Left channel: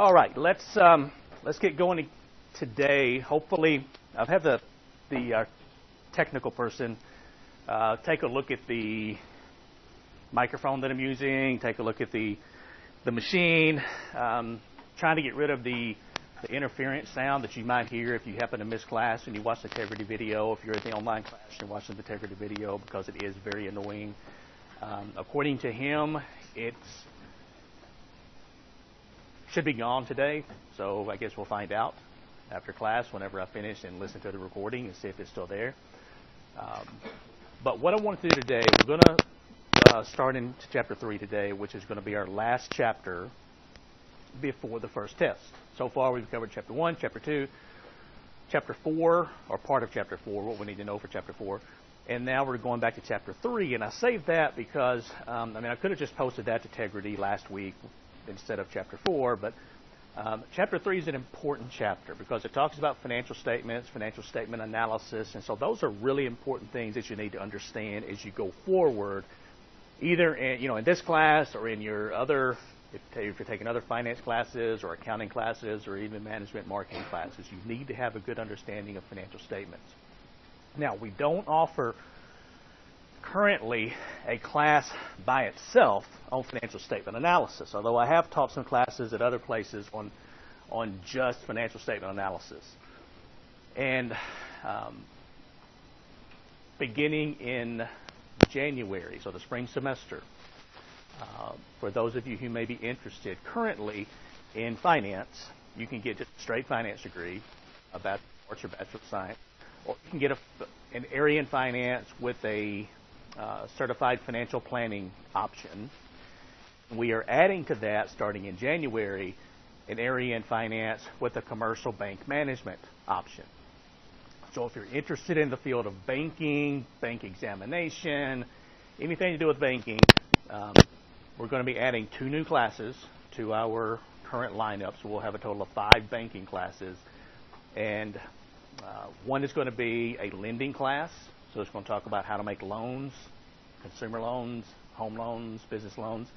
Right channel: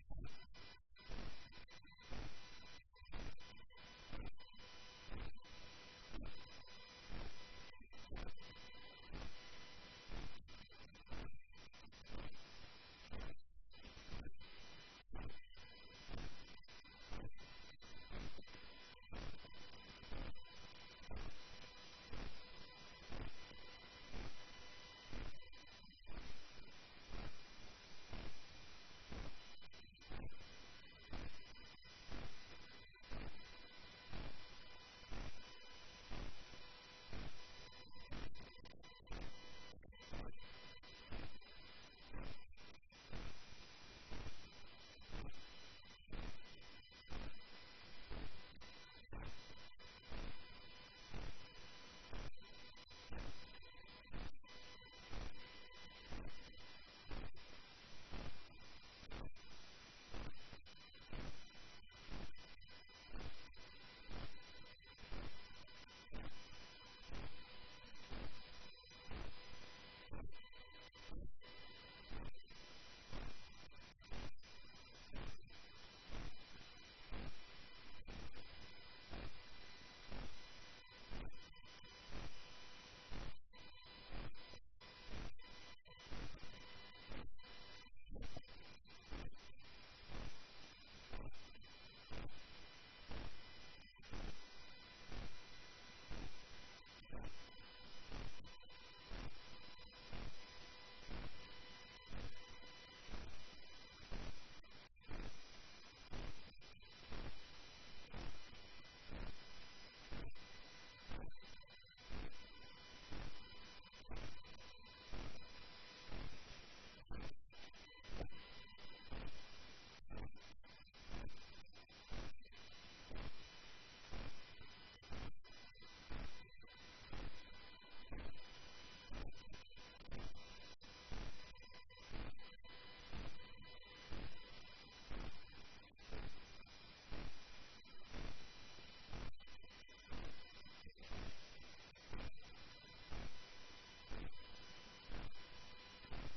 All right, let's get going today. Hopefully, I've had the technical person take a look at the microphone that I'm using. Take a look at the machine. Trying to get rid of the interference sound that you might hear if you happen to miss class and you watch the integrity video. If you're at the online class and watching the integrity video, because it is very annoying. According to him, it's should be gone today, so I guess we'll find out after class whenever I finish and listen to the recording and see if it's still there. But what I want to do today, we're going to start into chapter 3 today, which is going to be our last chapter before the first test. So far we've covered chapter 1, chapter 2, chapter 4, or part of chapter 4, what we need to know for chapter 4. And now we're going back to chapter 3, and I saved that because, I could have just posted that to Integrity last week instead of chapter 4, but chapter 3 is an important chapter because it talks about financial statements, financial statement analysis, and so those are really important things that you need to understand as you go forward, either in this class or in your other, if you're taking other finance classes or accounting classes or even management marketing classes. You need to have a good understanding of financial statements. Now, we don't offer currently a class by itself on financial statement analysis, although I have taught some classes at other places on just financial statement analysis. And beginning in January, so the spring semester, for those of you who may be interested currently in finance, you can get a straight finance degree, a bachelor's or bachelor of science, or you can get an area in finance with a certified financial planning option. We are adding to that, starting in January, an area in finance with a commercial bank management option. So if you're interested in the field of banking, bank examination, anything to do with banking, we're going to be adding 2 new classes to our current lineup. So we'll have a total of 5 banking classes. And one is going to be a lending class. So it's going to talk about how to make loans, consumer loans, home loans, business loans.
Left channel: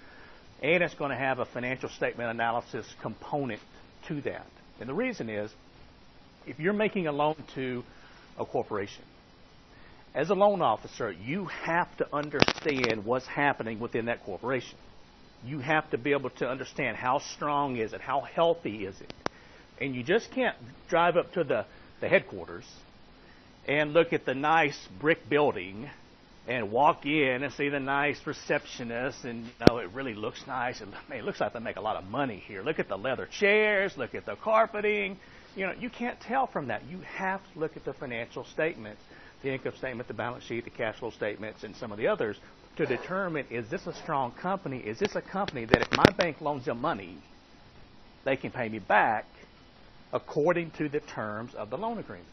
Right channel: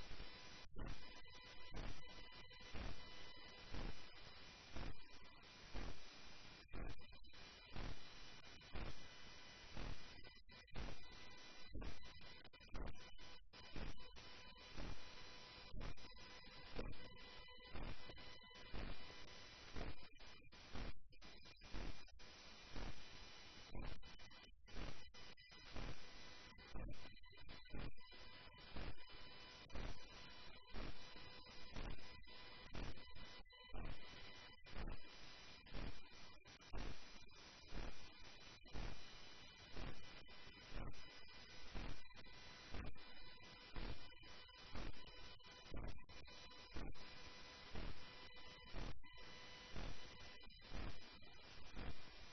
And it's going to have a financial statement analysis component to that. And the reason is, if you're making a loan to a corporation, as a loan officer, you have to understand what's happening within that corporation. You have to be able to understand how strong is it, how healthy is it. And you just can't drive up to the headquarters and look at the nice brick building and walk in and see the nice receptionist, and it really looks nice, and it looks like they make a lot of money here. Look at the leather chairs, look at the carpeting. You can't tell from that. You have to look at the financial statements, the income statement, the balance sheet, the cash flow statements, and some of the others to determine, is this a strong company? Is this a company that if my bank loans them money, they can pay me back according to the terms of the loan agreement?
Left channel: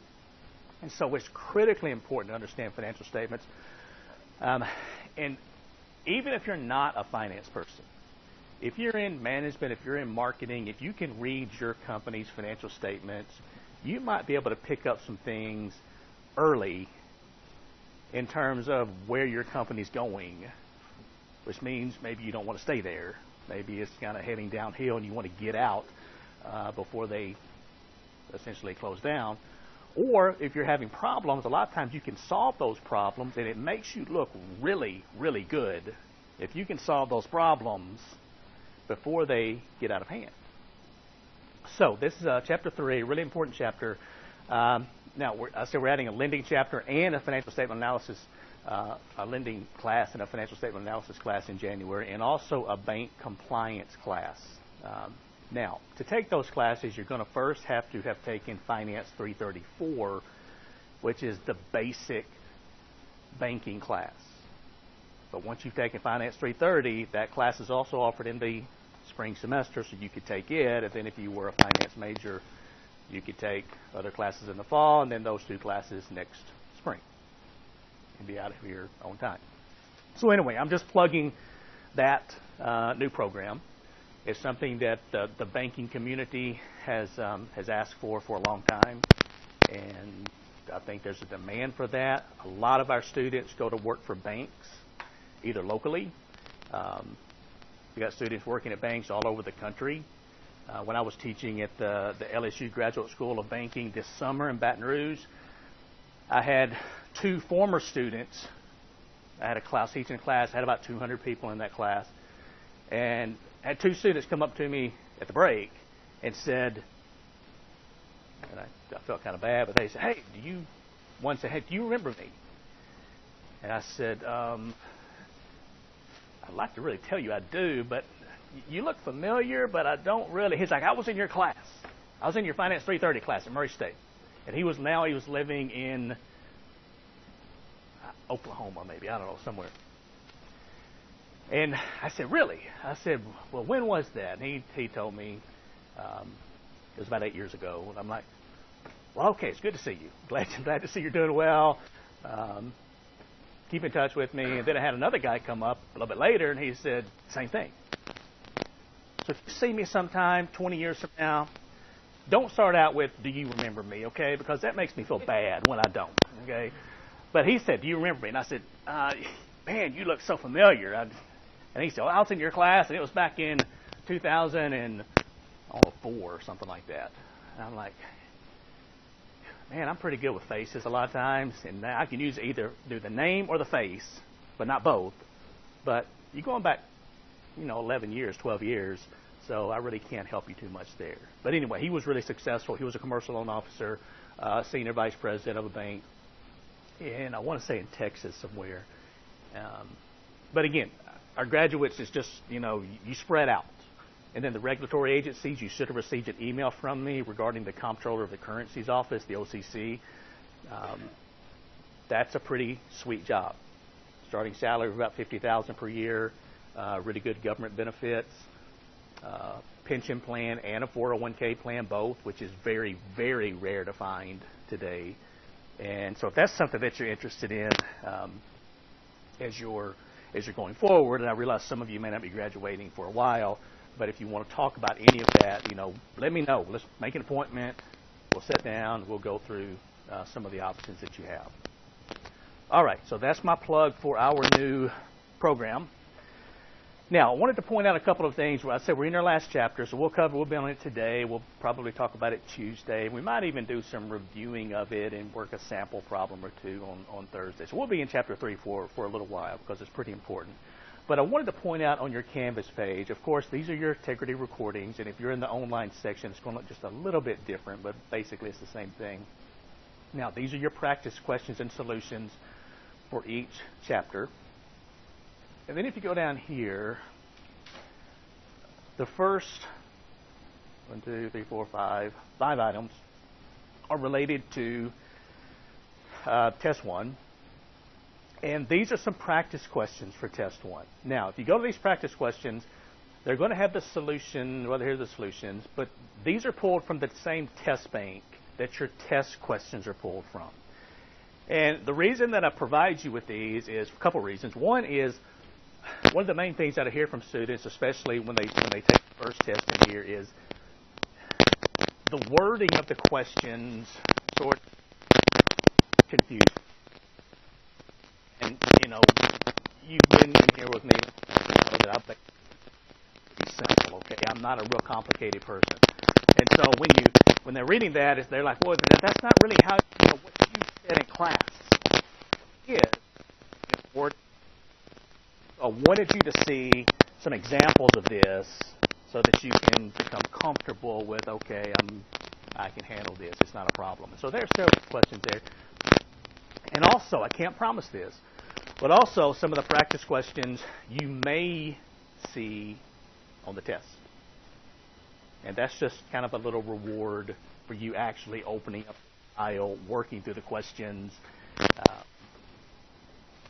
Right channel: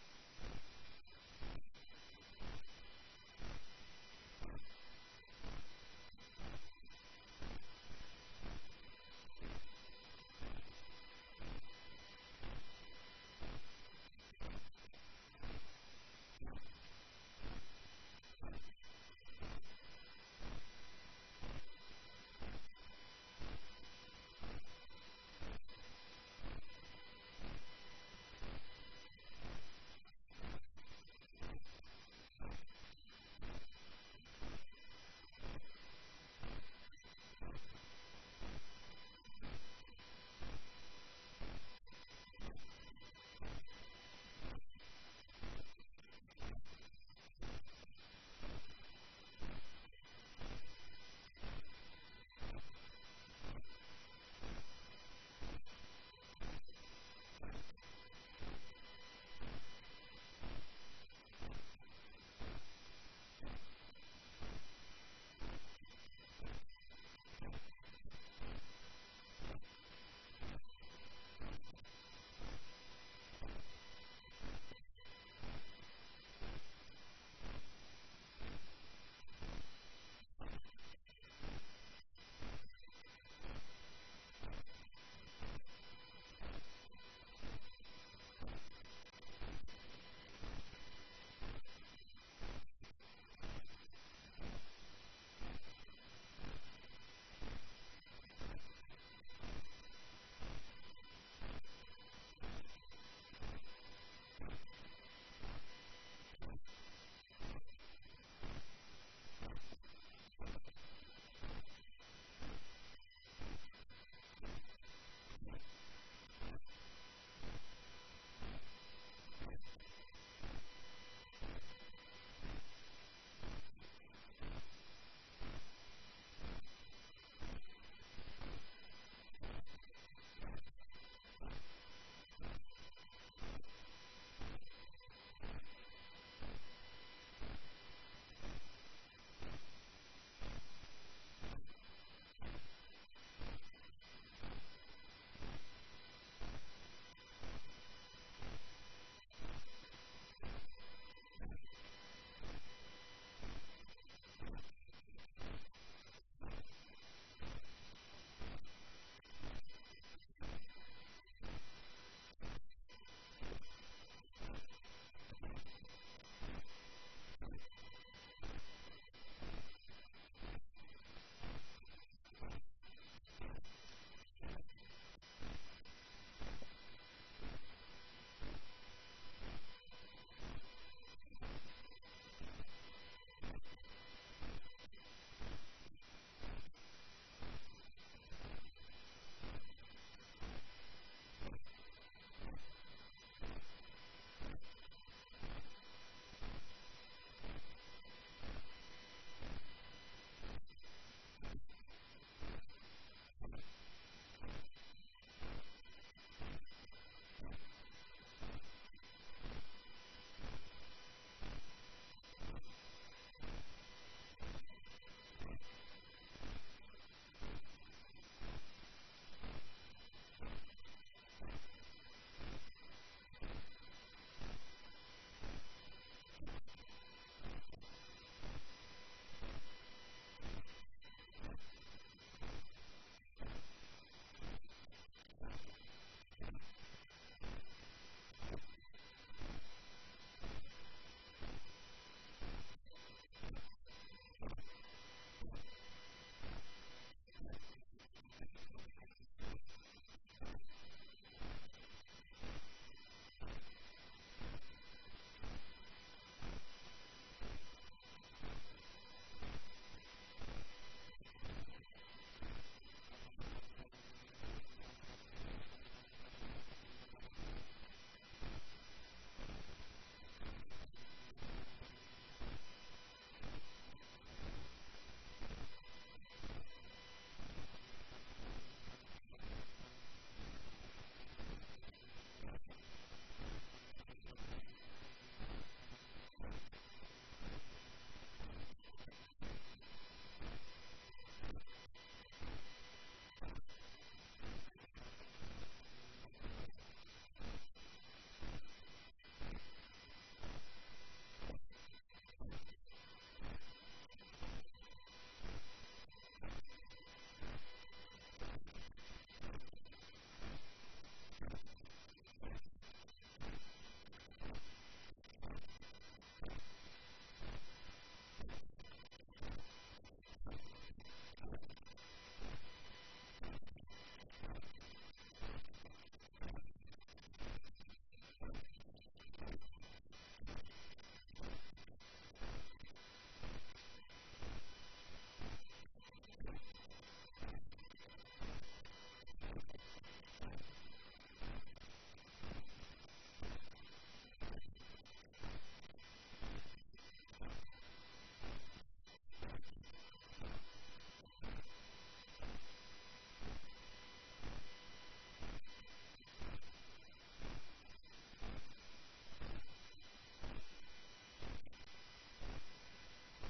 And so it's critically important to understand financial statements. And even if you're not a finance person, if you're in management, if you're in marketing, if you can read your company's financial statements, you might be able to pick up some things early in terms of where your company's going, which means maybe you don't want to stay there. Maybe it's kind of heading downhill and you want to get out before they essentially close down. Or if you're having problems, a lot of times you can solve those problems, and it makes you look really, really good if you can solve those problems before they get out of hand. So this is chapter 3, a really important chapter. Now, we're adding a lending chapter and a financial statement analysis, a lending class and a financial statement analysis class in January, and also a bank compliance class. Now, to take those classes, you're going to first have to have taken Finance 334, which is the basic banking class. But once you've taken Finance 330, that class is also offered in the spring semester, so you could take it. And then if you were a finance major, you could take other classes in the fall, and then those 2 classes next spring. And be out of here on time. So anyway, I'm just plugging that new program. It's something that the banking community has asked for a long time, and I think there's a demand for that. A lot of our students go to work for banks, either locally. We got students working at banks all over the country. when I was teaching at the LSU Graduate School of Banking this summer in Baton Rouge. I had 2 former students. I had a class, teaching a class, I had about 200 people in that class, and I had 2 students come up to me at the break and said, and I felt kind of bad, but they said, hey, one said, hey, do you remember me? And I said, I'd like to really tell you I do, but you look familiar, but I don't really. He's like, I was in your class. I was in your Finance 330 class at Murray State. And he was living in Oklahoma, maybe, I don't know, somewhere. And I said, really? I said, well, when was that? And he told me it was about 8 years ago. And I'm like, well, okay, it's good to see you. Glad to see you're doing well. Keep in touch with me. And then I had another guy come up a little bit later, and he said, same thing. So if you see me sometime 20 years from now, don't start out with, do you remember me, okay? Because that makes me feel bad when I don't, okay? But he said, do you remember me? And I said, man, you look so familiar. And he said, well, I was in your class, and it was back in 2004 or something like that. And I'm like, man, I'm pretty good with faces a lot of times, and I can use either do the name or the face, but not both. But you're going back, 11 years, 12 years, so I really can't help you too much there. But anyway, he was really successful. He was a commercial loan officer, senior vice president of a bank, and I want to say in Texas somewhere. But again, our graduates is just, you spread out. And then the regulatory agencies, you should have received an email from me regarding the Comptroller of the Currencies Office, the OCC. That's a pretty sweet job. Starting salary of about $50,000 per year, really good government benefits, pension plan and a 401k plan, both, which is very, very rare to find today. And so if that's something that you're interested in as you're going forward, and I realize some of you may not be graduating for a while, but if you want to talk about any of that, let me know. Let's make an appointment. We'll sit down. We'll go through some of the options that you have. All right, so that's my plug for our new program. Now, I wanted to point out a couple of things. I said we're in our last chapter, so we'll be on it today. We'll probably talk about it Tuesday. We might even do some reviewing of it and work a sample problem or two on Thursday. So we'll be in chapter 3 for a little while because it's pretty important. But I wanted to point out on your Canvas page, of course, these are your integrity recordings, and if you're in the online section, it's going to look just a little bit different, but basically it's the same thing. Now, these are your practice questions and solutions for each chapter. And then if you go down here, the first 5 items are related to Test 1. And these are some practice questions for Test 1. Now, if you go to these practice questions, they're going to have the solution, well, here's the solutions, but these are pulled from the same test bank that your test questions are pulled from. And the reason that I provide you with these is a couple reasons. One is, one of the main things that I hear from students, especially when they take the first test in here, is the wording of the questions sort of confusing. And, you've been in here with me, that I'm simple, okay? I'm not a real complicated person. And so when they're reading that, they're like, well, that's not really how, what you said in class is. I wanted you to see some examples of this so that you can become comfortable with, okay, I can handle this. It's not a problem. So there are several questions there. And also, I can't promise this, but also some of the practice questions you may see on the test. And that's just kind of a little reward for you actually opening up the file, working through the questions.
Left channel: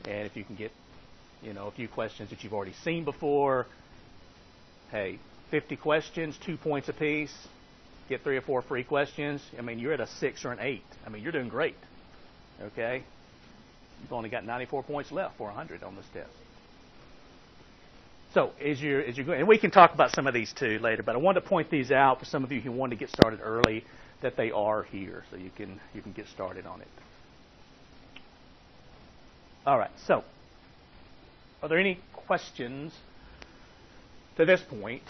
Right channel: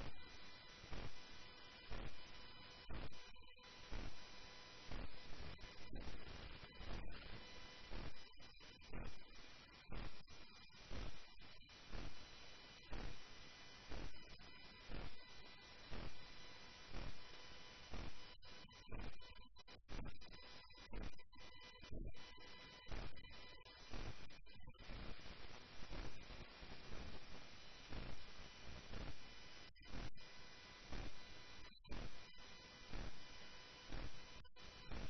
And if you can get, a few questions that you've already seen before, hey, 50 questions, 2 points apiece, get 3 or 4 free questions. You're at a 6 or an 8. You're doing great. Okay? You've only got 94 points left for 100 on this test. So as you're going, and we can talk about some of these too later, but I wanted to point these out for some of you who want to get started early, that they are here, so you can get started on it. All right. So, are there any questions to this point?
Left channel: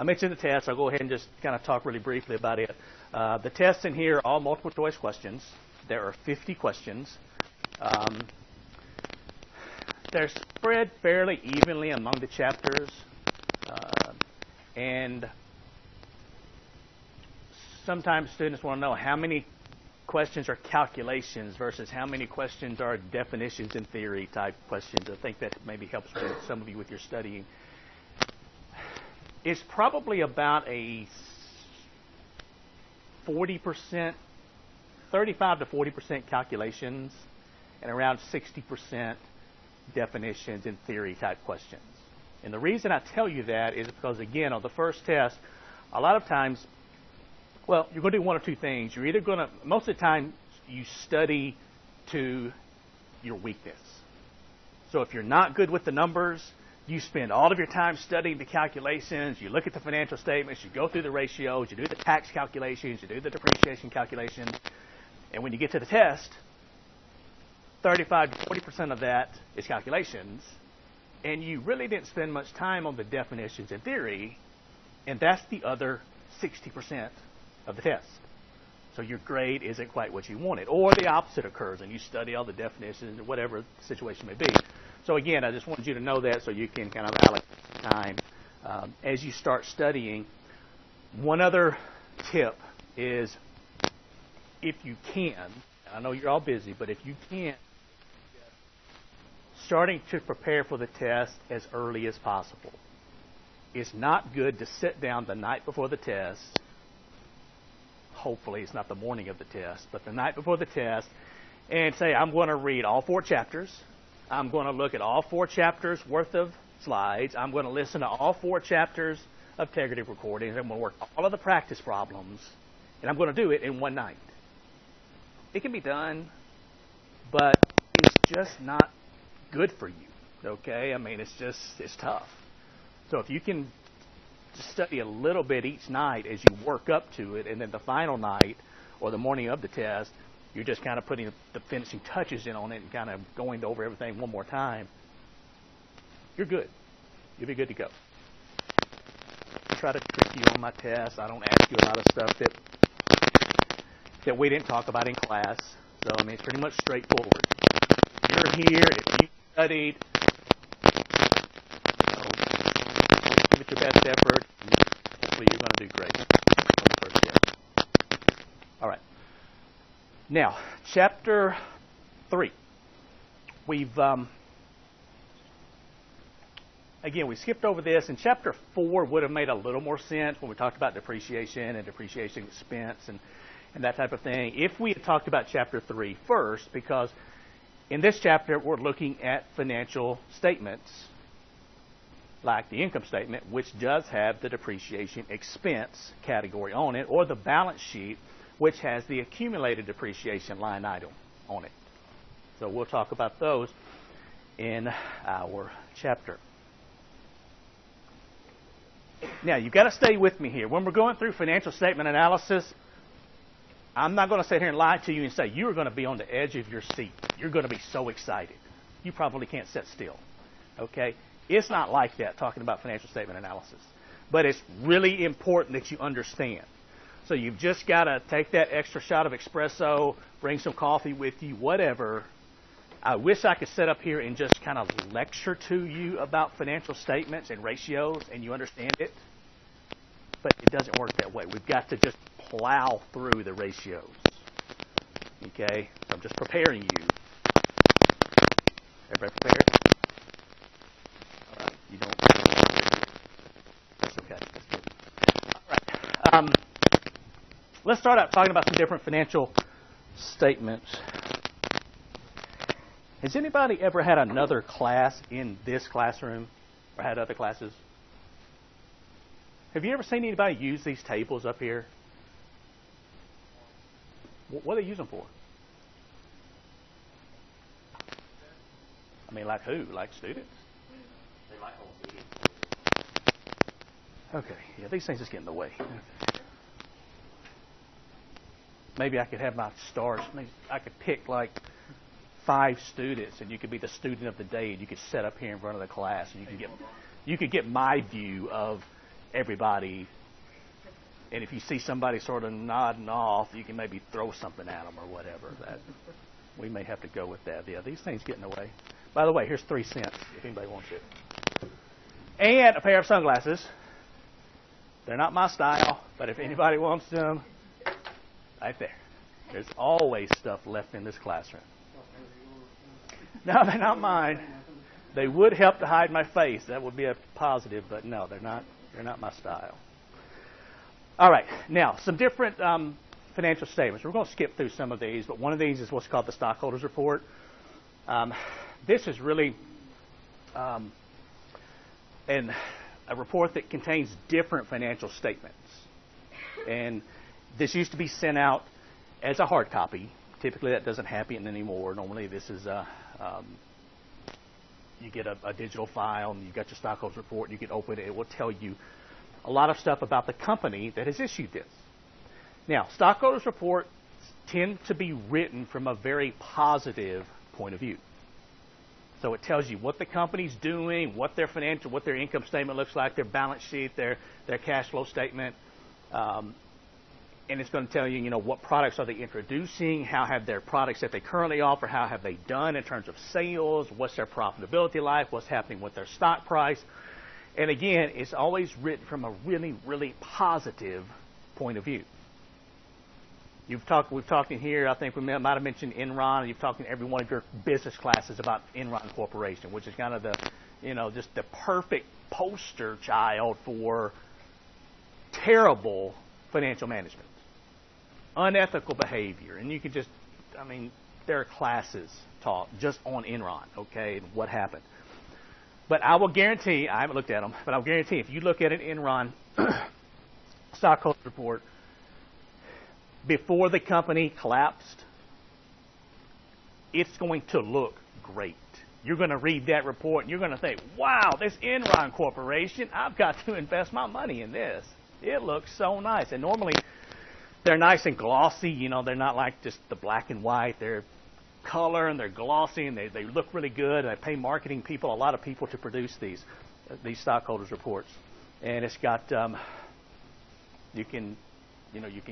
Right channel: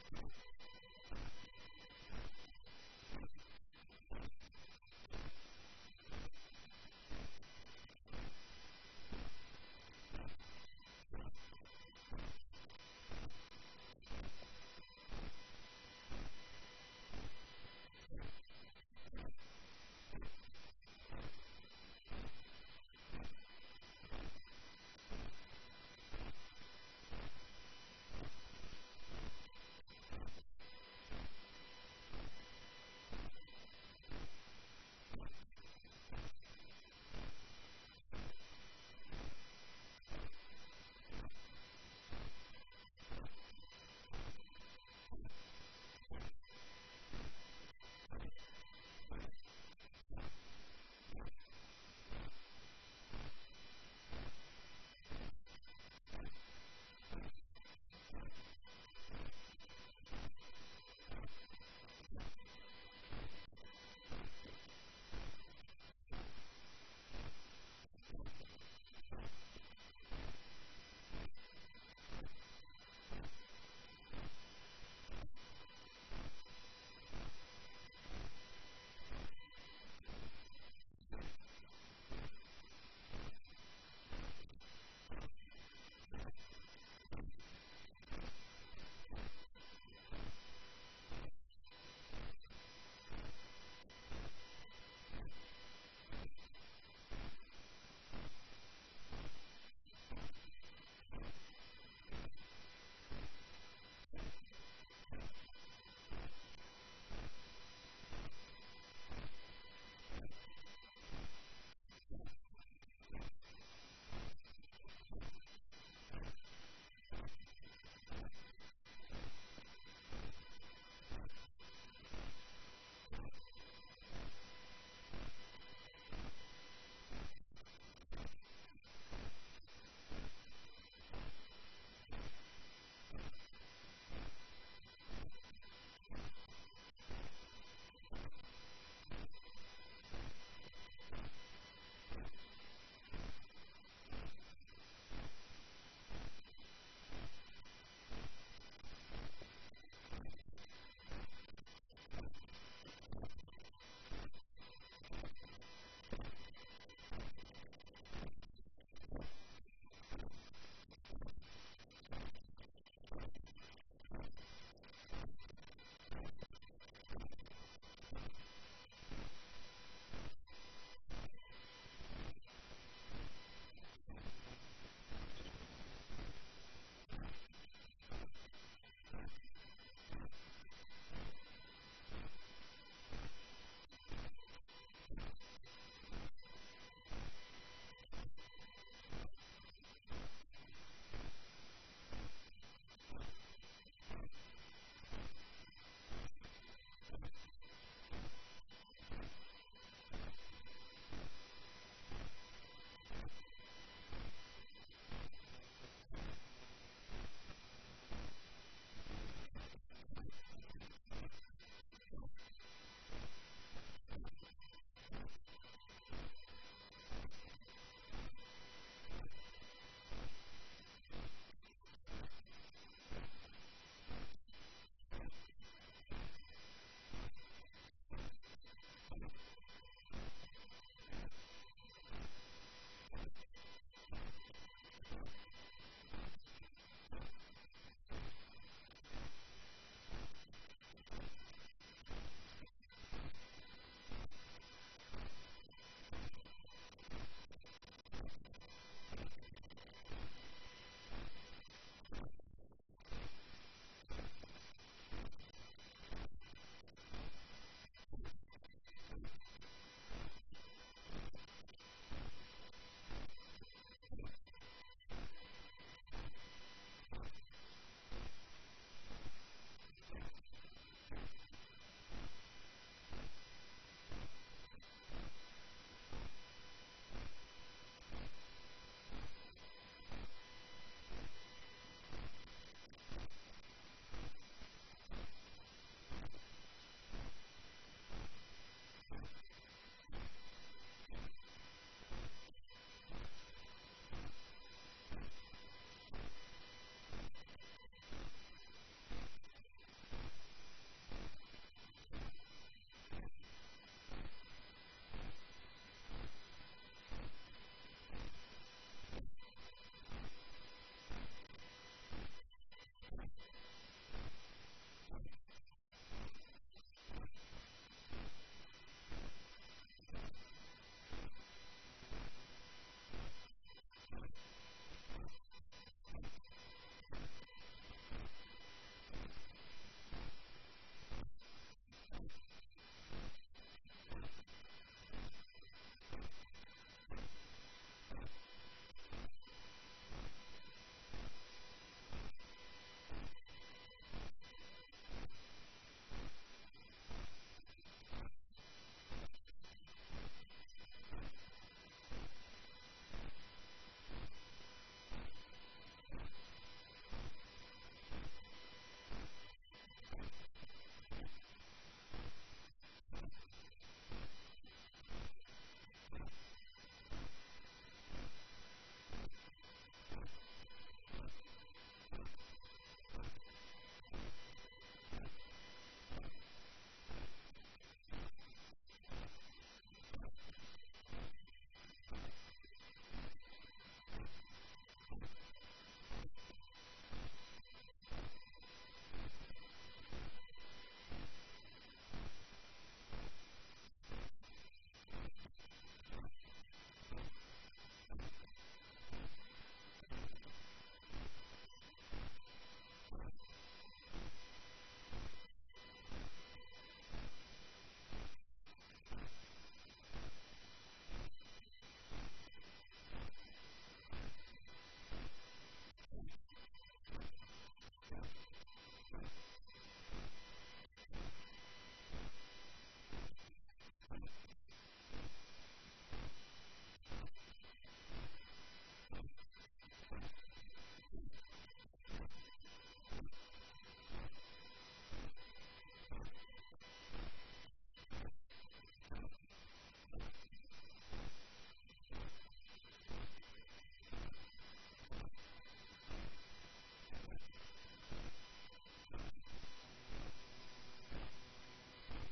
I mentioned the test. I'll go ahead and just kind of talk really briefly about it. The tests in here are all multiple choice questions. There are 50 questions. They're spread fairly evenly among the chapters. And sometimes students want to know how many questions are calculations versus how many questions are definitions and theory type questions. I think that maybe helps with some of you with your studying. It's probably about a 40%, 35 to 40% calculations and around 60% definitions and theory type questions. And the reason I tell you that is because, again, on the first test, a lot of times, well, you're going to do one of two things. You're either going to, most of the time, you study to your weakness. So if you're not good with the numbers, you spend all of your time studying the calculations, you look at the financial statements, you go through the ratios, you do the tax calculations, you do the depreciation calculations, and when you get to the test, 35 to 40% of that is calculations, and you really didn't spend much time on the definitions and theory, and that's the other 60% of the test. So your grade isn't quite what you wanted. Or the opposite occurs, and you study all the definitions or whatever the situation may be. So again, I just wanted you to know that so you can kind of allocate time as you start studying. One other tip is, if you can, and I know you're all busy, but if you can, starting to prepare for the test as early as possible. It's not good to sit down the night before the test. Hopefully it's not the morning of the test, but the night before the test, and say, I'm going to read all 4 chapters. I'm going to look at all 4 chapters worth of slides. I'm going to listen to all 4 chapters of integrity recordings. I'm going to work all of the practice problems, and I'm going to do it in one night. It can be done, but it's just not good for you, okay? I mean, it's tough. So if you can study a little bit each night as you work up to it, and then the final night or the morning of the test, you're just kind of putting the finishing touches in on it and kind of going over everything one more time, you're good. You'll be good to go. I try to trick you on my test. I don't ask you a lot of stuff that we didn't talk about in class. So, I mean, it's pretty much straightforward. You're here. If you studied, give it your best effort. Hopefully you're going to do great on the first test. All right. Now, chapter 3. We've, again, we skipped over this, and chapter 4 would have made a little more sense when we talked about depreciation and depreciation expense and that type of thing, if we had talked about chapter 3 first, because in this chapter we're looking at financial statements, like the income statement, which does have the depreciation expense category on it, or the balance sheet, which has the accumulated depreciation line item on it. So we'll talk about those in our chapter. Now, you've got to stay with me here. When we're going through financial statement analysis, I'm not going to sit here and lie to you and say you're going to be on the edge of your seat. You're going to be so excited. You probably can't sit still. Okay? It's not like that, talking about financial statement analysis. But it's really important that you understand. So you've just got to take that extra shot of espresso, bring some coffee with you, whatever. I wish I could sit up here and just kind of lecture to you about financial statements and ratios and you understand it. But it doesn't work that way. We've got to just plow through the ratios. Okay? So I'm just preparing you. Everybody prepared? All right. You don't. That's okay. That's good. All right. Let's start out talking about some different financial statements. Has anybody ever had another class in this classroom or had other classes? Have you ever seen anybody use these tables up here? What do they use them for? I mean, like who? Like students? They like old students. Okay, yeah, these things just get in the way. Maybe I could have my stars. Maybe I could pick like 5 students, and you could be the student of the day, and you could sit up here in front of the class, and you could get my view of everybody. And if you see somebody sort of nodding off, you can maybe throw something at them or whatever. That we may have to go with that. Yeah, these things get in the way. By the way, here's 3 cents if anybody wants it. And a pair of sunglasses. They're not my style, but if anybody wants them, right there. There's always stuff left in this classroom. No, they're not mine. They would help to hide my face. That would be a positive, but no, they're not. They're not my style. All right, now some different financial statements. We're going to skip through some of these, but one of these is what's called the stockholders report. This is really a report that contains different financial statements, and this used to be sent out as a hard copy. Typically, that doesn't happen anymore. Normally, this is you get a digital file, and you got your stockholders report. You can open it. It will tell you a lot of stuff about the company that has issued this. Now, stockholders reports tend to be written from a very positive point of view. So it tells you what the company's doing, what their income statement looks like, their balance sheet, their cash flow statement, and it's going to tell you, what products are they introducing, how have their products that they currently offer, how have they done in terms of sales, what's their profitability like, what's happening with their stock price. And again, it's always written from a really, really positive point of view. We've talked in here, I think we might have mentioned Enron. You've talked in every one of your business classes about Enron Corporation, which is kind of the, just the perfect poster child for terrible financial management, unethical behavior. And you could just, there are classes taught just on Enron, okay, what happened. But I will guarantee, I haven't looked at them, but I'll guarantee if you look at an Enron stockholder report, before the company collapsed, it's going to look great. You're going to read that report and you're going to think, wow, this Enron Corporation, I've got to invest my money in this. It looks so nice. And normally they're nice and glossy. They're not like just the black and white. They're color and they're glossy and they look really good. And they pay marketing people, a lot of people, to produce these stockholders reports. And it's got, you can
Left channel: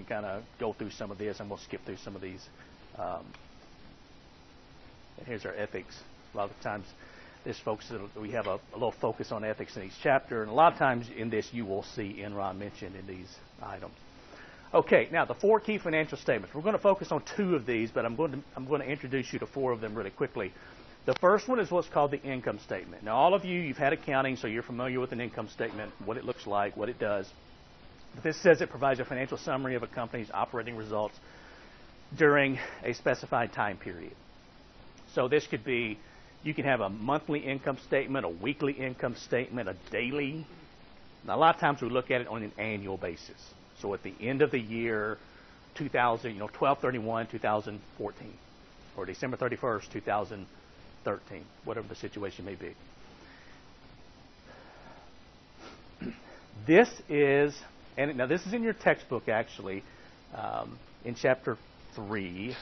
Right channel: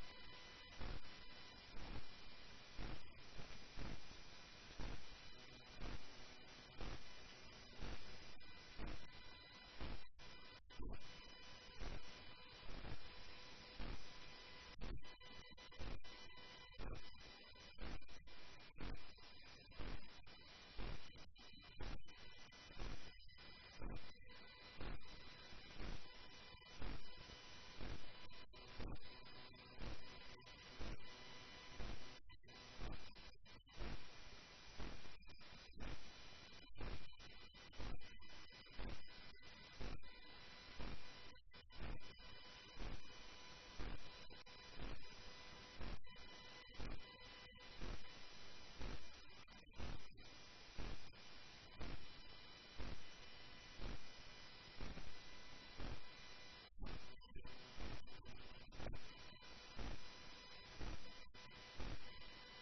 kind of go through some of this, and we'll skip through some of these. And here's our ethics. A lot of times, we have a little focus on ethics in each chapter, and a lot of times in this you will see Enron mentioned in these items. Okay, now the 4 key financial statements. We're going to focus on 2 of these, but I'm going to introduce you to 4 of them really quickly. The first one is what's called the income statement. Now, all of you've had accounting, so you're familiar with an income statement, what it looks like, what it does. This says it provides a financial summary of a company's operating results during a specified time period. So this could be, you can have a monthly income statement, a weekly income statement, a daily. Now, a lot of times we look at it on an annual basis. So at the end of the year, 12/31/2014, or December 31st, 2013, whatever the situation may be. This is, and now this is in your textbook actually, in chapter 3.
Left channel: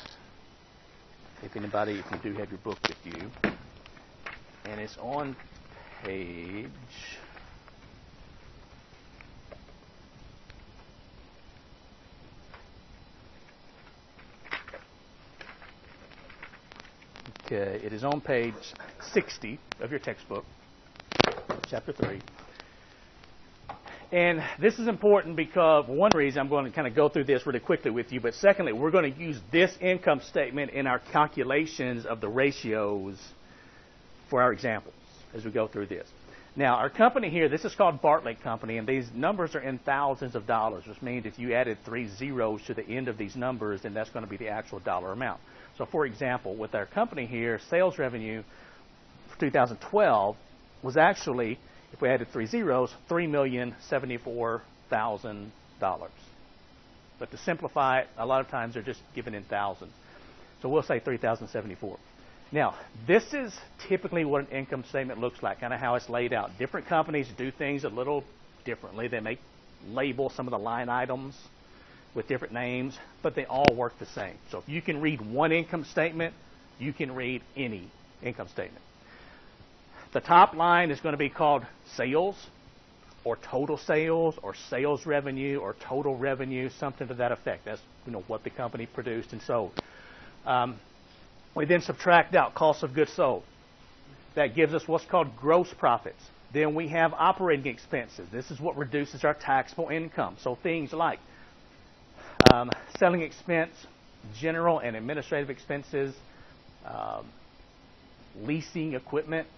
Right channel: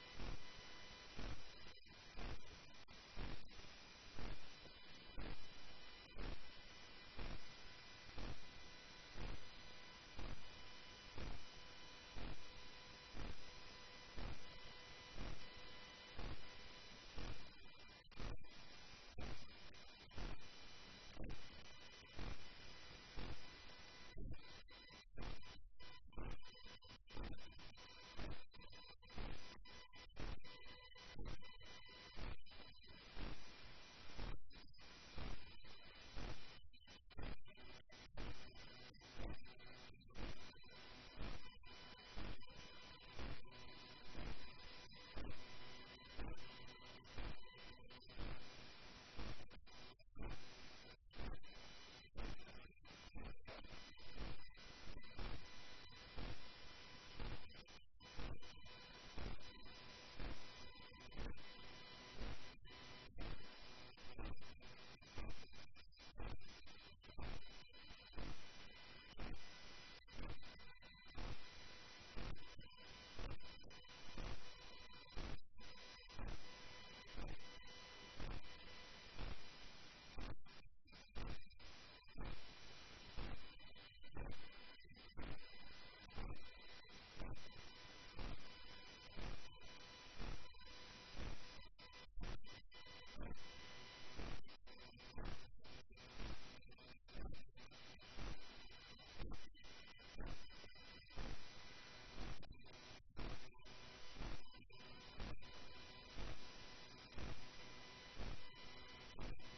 If you do have your book with you, and it's on page. Okay, it is on page 60 of your textbook, chapter 3. And this is important because, one reason, I'm going to kind of go through this really quickly with you, but secondly, we're going to use this income statement in our calculations of the ratios for our examples as we go through this. Now, our company here, this is called Bartlett Company, and these numbers are in thousands of dollars, which means if you added 3 zeros to the end of these numbers, then that's going to be the actual dollar amount. So, for example, with our company here, sales revenue for 2012 was actually, if we added 3 zeros, $3,074,000. But to simplify it, a lot of times they're just given in thousands. So we'll say 3,074. Now, this is typically what an income statement looks like, kind of how it's laid out. Different companies do things a little differently. They may label some of the line items with different names, but they all work the same. So if you can read one income statement, you can read any income statement. The top line is going to be called sales. or total sales or sales revenue or total revenue, something to that effect. That's what the company produced and sold. We then subtract out cost of goods sold. That gives us what's called gross profits. Then we have operating expenses. This is what reduces our taxable income. So things like selling expense, general and administrative expenses, leasing equipment.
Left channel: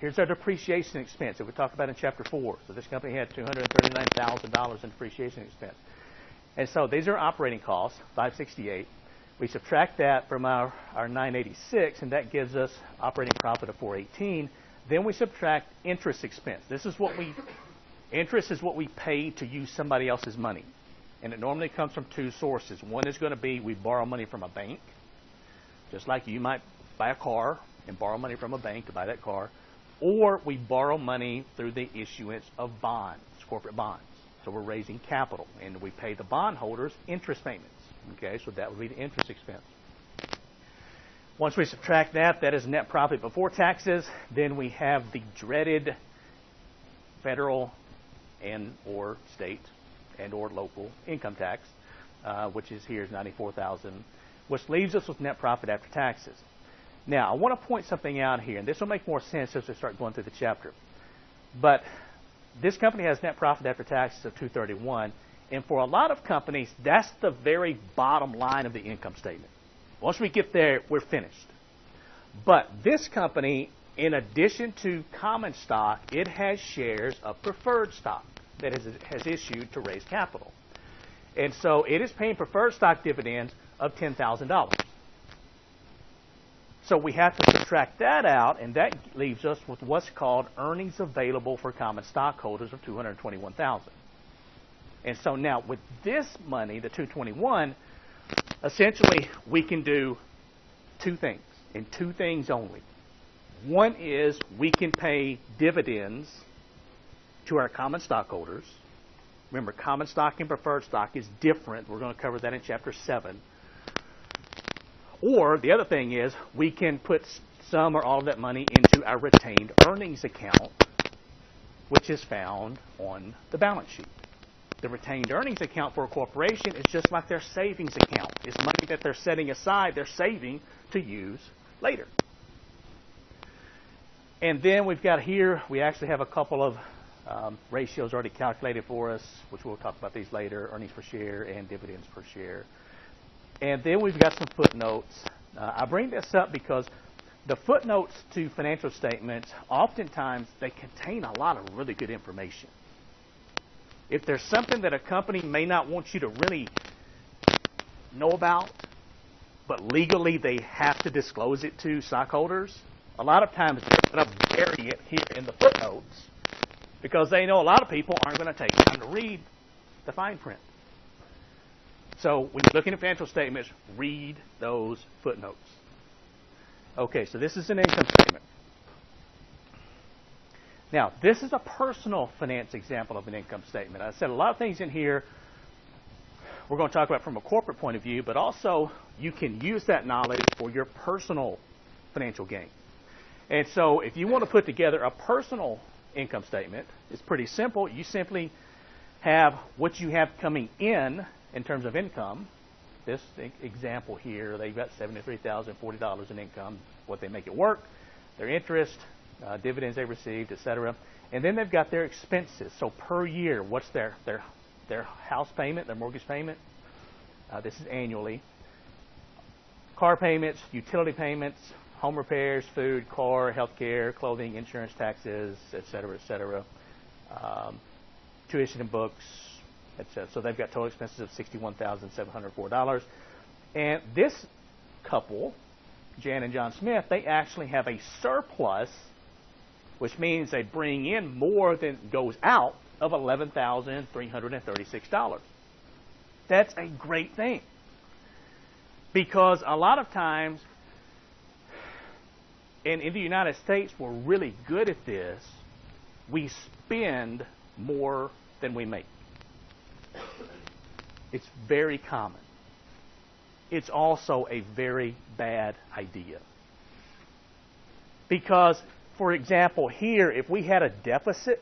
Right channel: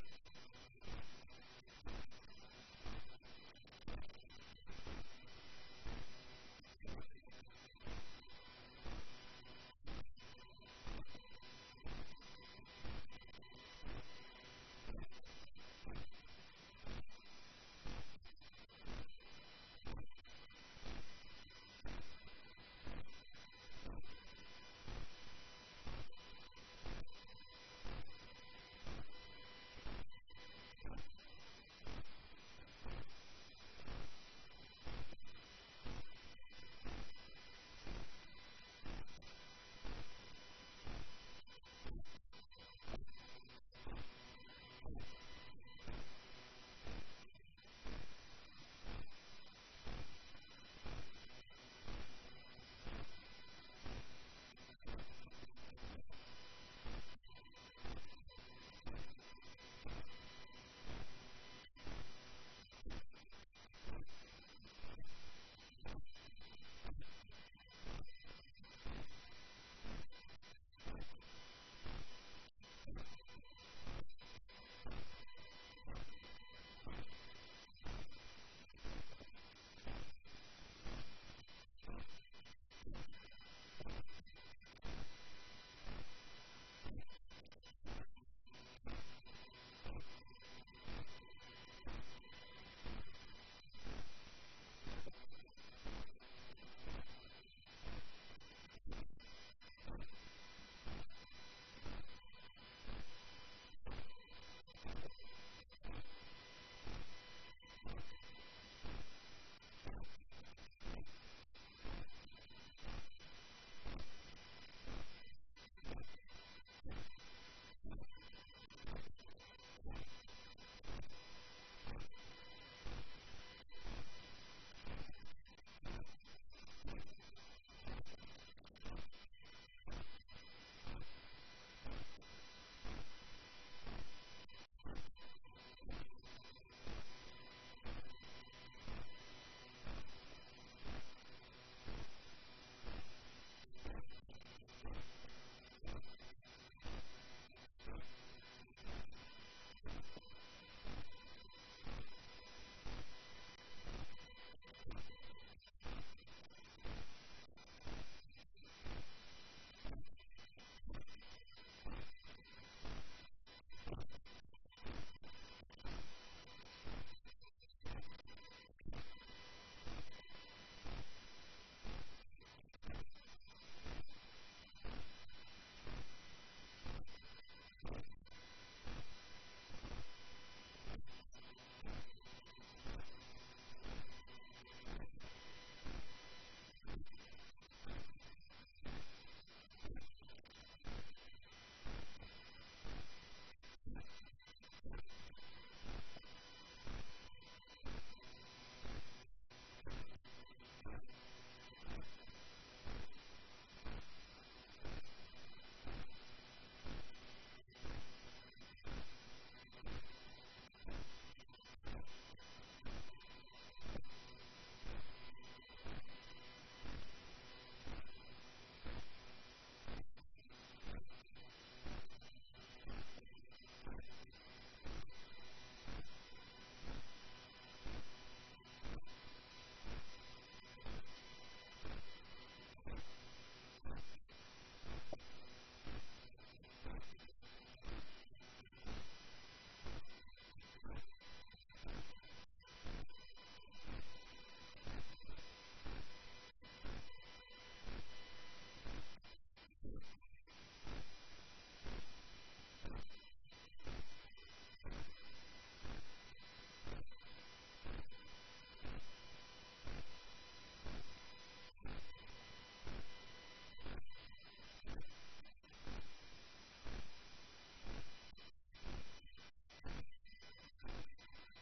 Here's our depreciation expense that we talked about in Chapter 4. So this company had $239,000 in depreciation expense. And so these are operating costs, $568. We subtract that from our $986, and that gives us operating profit of $418. Then we subtract interest expense. Interest is what we pay to use somebody else's money. And it normally comes from two sources. One is going to be we borrow money from a bank, just like you might buy a car and borrow money from a bank to buy that car. Or we borrow money through the issuance of bonds, corporate bonds. So we're raising capital, and we pay the bondholders interest payments. Okay, so that would be the interest expense. Once we subtract that, that is net profit before taxes. Then we have the dreaded federal and or state and or local income tax, which is here is $94,000, which leaves us with net profit after taxes. Now, I want to point something out here, and this will make more sense as we start going through the chapter. But this company has net profit after taxes of $231, and for a lot of companies, that's the very bottom line of the income statement. Once we get there, we're finished. But this company, in addition to common stock, it has shares of preferred stock that has issued to raise capital. And so it is paying preferred stock dividends of $10,000. So we have to subtract that out, and that leaves us with what's called earnings available for common stockholders of $221,000. And so now with this money, the $221,000, essentially we can do two things, and two things only. One is we can pay dividends to our common stockholders. Remember, common stock and preferred stock is different. We're going to cover that in Chapter 7. Or the other thing is we can put some or all of that money into our retained earnings account, which is found on the balance sheet. The retained earnings account for a corporation is just like their savings account. It's money that they're setting aside, they're saving to use later. And then we've got here, we actually have a couple of ratios already calculated for us, which we'll talk about these later, earnings per share and dividends per share. And then we've got some footnotes. I bring this up because the footnotes to financial statements, oftentimes they contain a lot of really good information. If there's something that a company may not want you to really know about, but legally they have to disclose it to stockholders, a lot of times they're going to bury it here in the footnotes because they know a lot of people aren't going to take time to read the fine print. So when you're looking at financial statements, read those footnotes. Okay, so this is an income statement. Now, this is a personal finance example of an income statement. I said a lot of things in here we're going to talk about from a corporate point of view, but also you can use that knowledge for your personal financial gain. And so if you want to put together a personal income statement, it's pretty simple. You simply have what you have coming in terms of income. This example here, they've got $73,040 in income, what they make it work, their interest, dividends they received, etc. And then they've got their expenses. So per year, what's their house payment, their mortgage payment? This is annually. Car payments, utility payments, home repairs, food, car, health care, clothing, insurance, taxes, etc. Tuition and books, etc. So they've got total expenses of $61,704. And this couple, Jan and John Smith, they actually have a surplus, which means they bring in more than goes out, of $11,336. That's a great thing. Because a lot of times, and in the United States, we're really good at this, we spend more than we make. It's very common. It's also a very bad idea. Because, for example, here, if we had a deficit,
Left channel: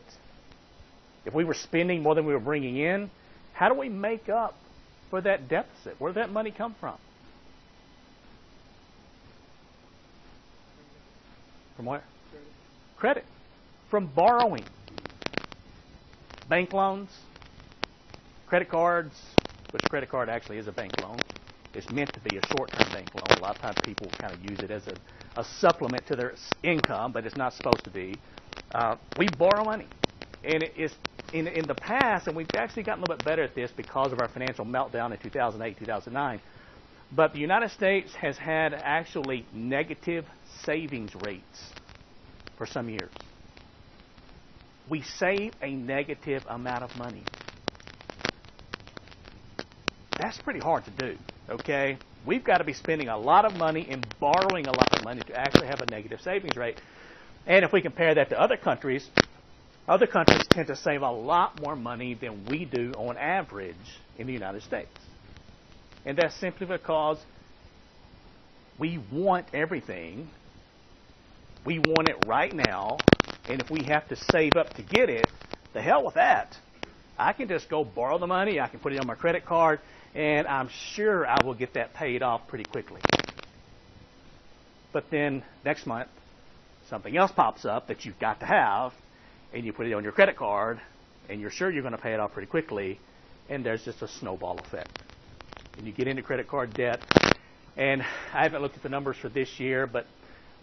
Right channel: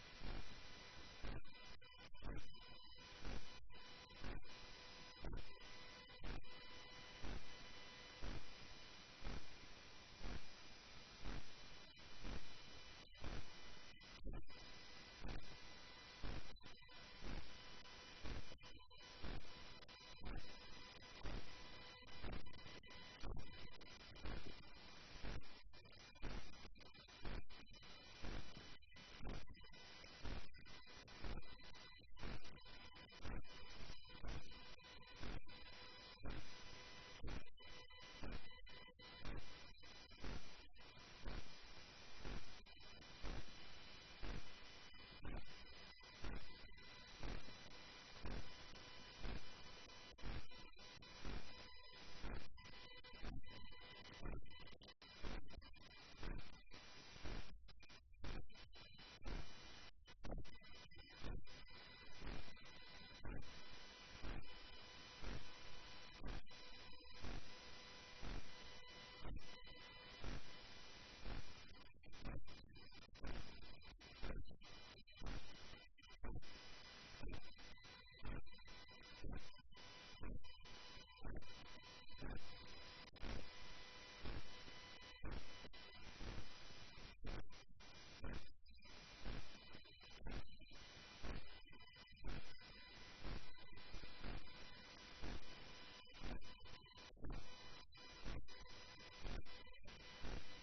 if we were spending more than we were bringing in, how do we make up for that deficit? Where did that money come from? From where? Credit. From borrowing. Bank loans, credit cards, which credit card actually is a bank loan. It's meant to be a short-term bank loan. A lot of times people kind of use it as a supplement to their income, but it's not supposed to be. We borrow money. And it is in the past, and we've actually gotten a little bit better at this because of our financial meltdown in 2008, 2009, but the United States has had actually negative savings rates for some years. We save a negative amount of money. That's pretty hard to do, okay? We've got to be spending a lot of money and borrowing a lot of money to actually have a negative savings rate. And if we compare that to other countries tend to save a lot more money than we do on average in the United States. And that's simply because we want everything. We want it right now. And if we have to save up to get it, the hell with that. I can just go borrow the money. I can put it on my credit card. And I'm sure I will get that paid off pretty quickly. But then next month, something else pops up that you've got to have, and you put it on your credit card, and you're sure you're going to pay it off pretty quickly, and there's just a snowball effect. And you get into credit card debt, and I haven't looked at the numbers for this year, but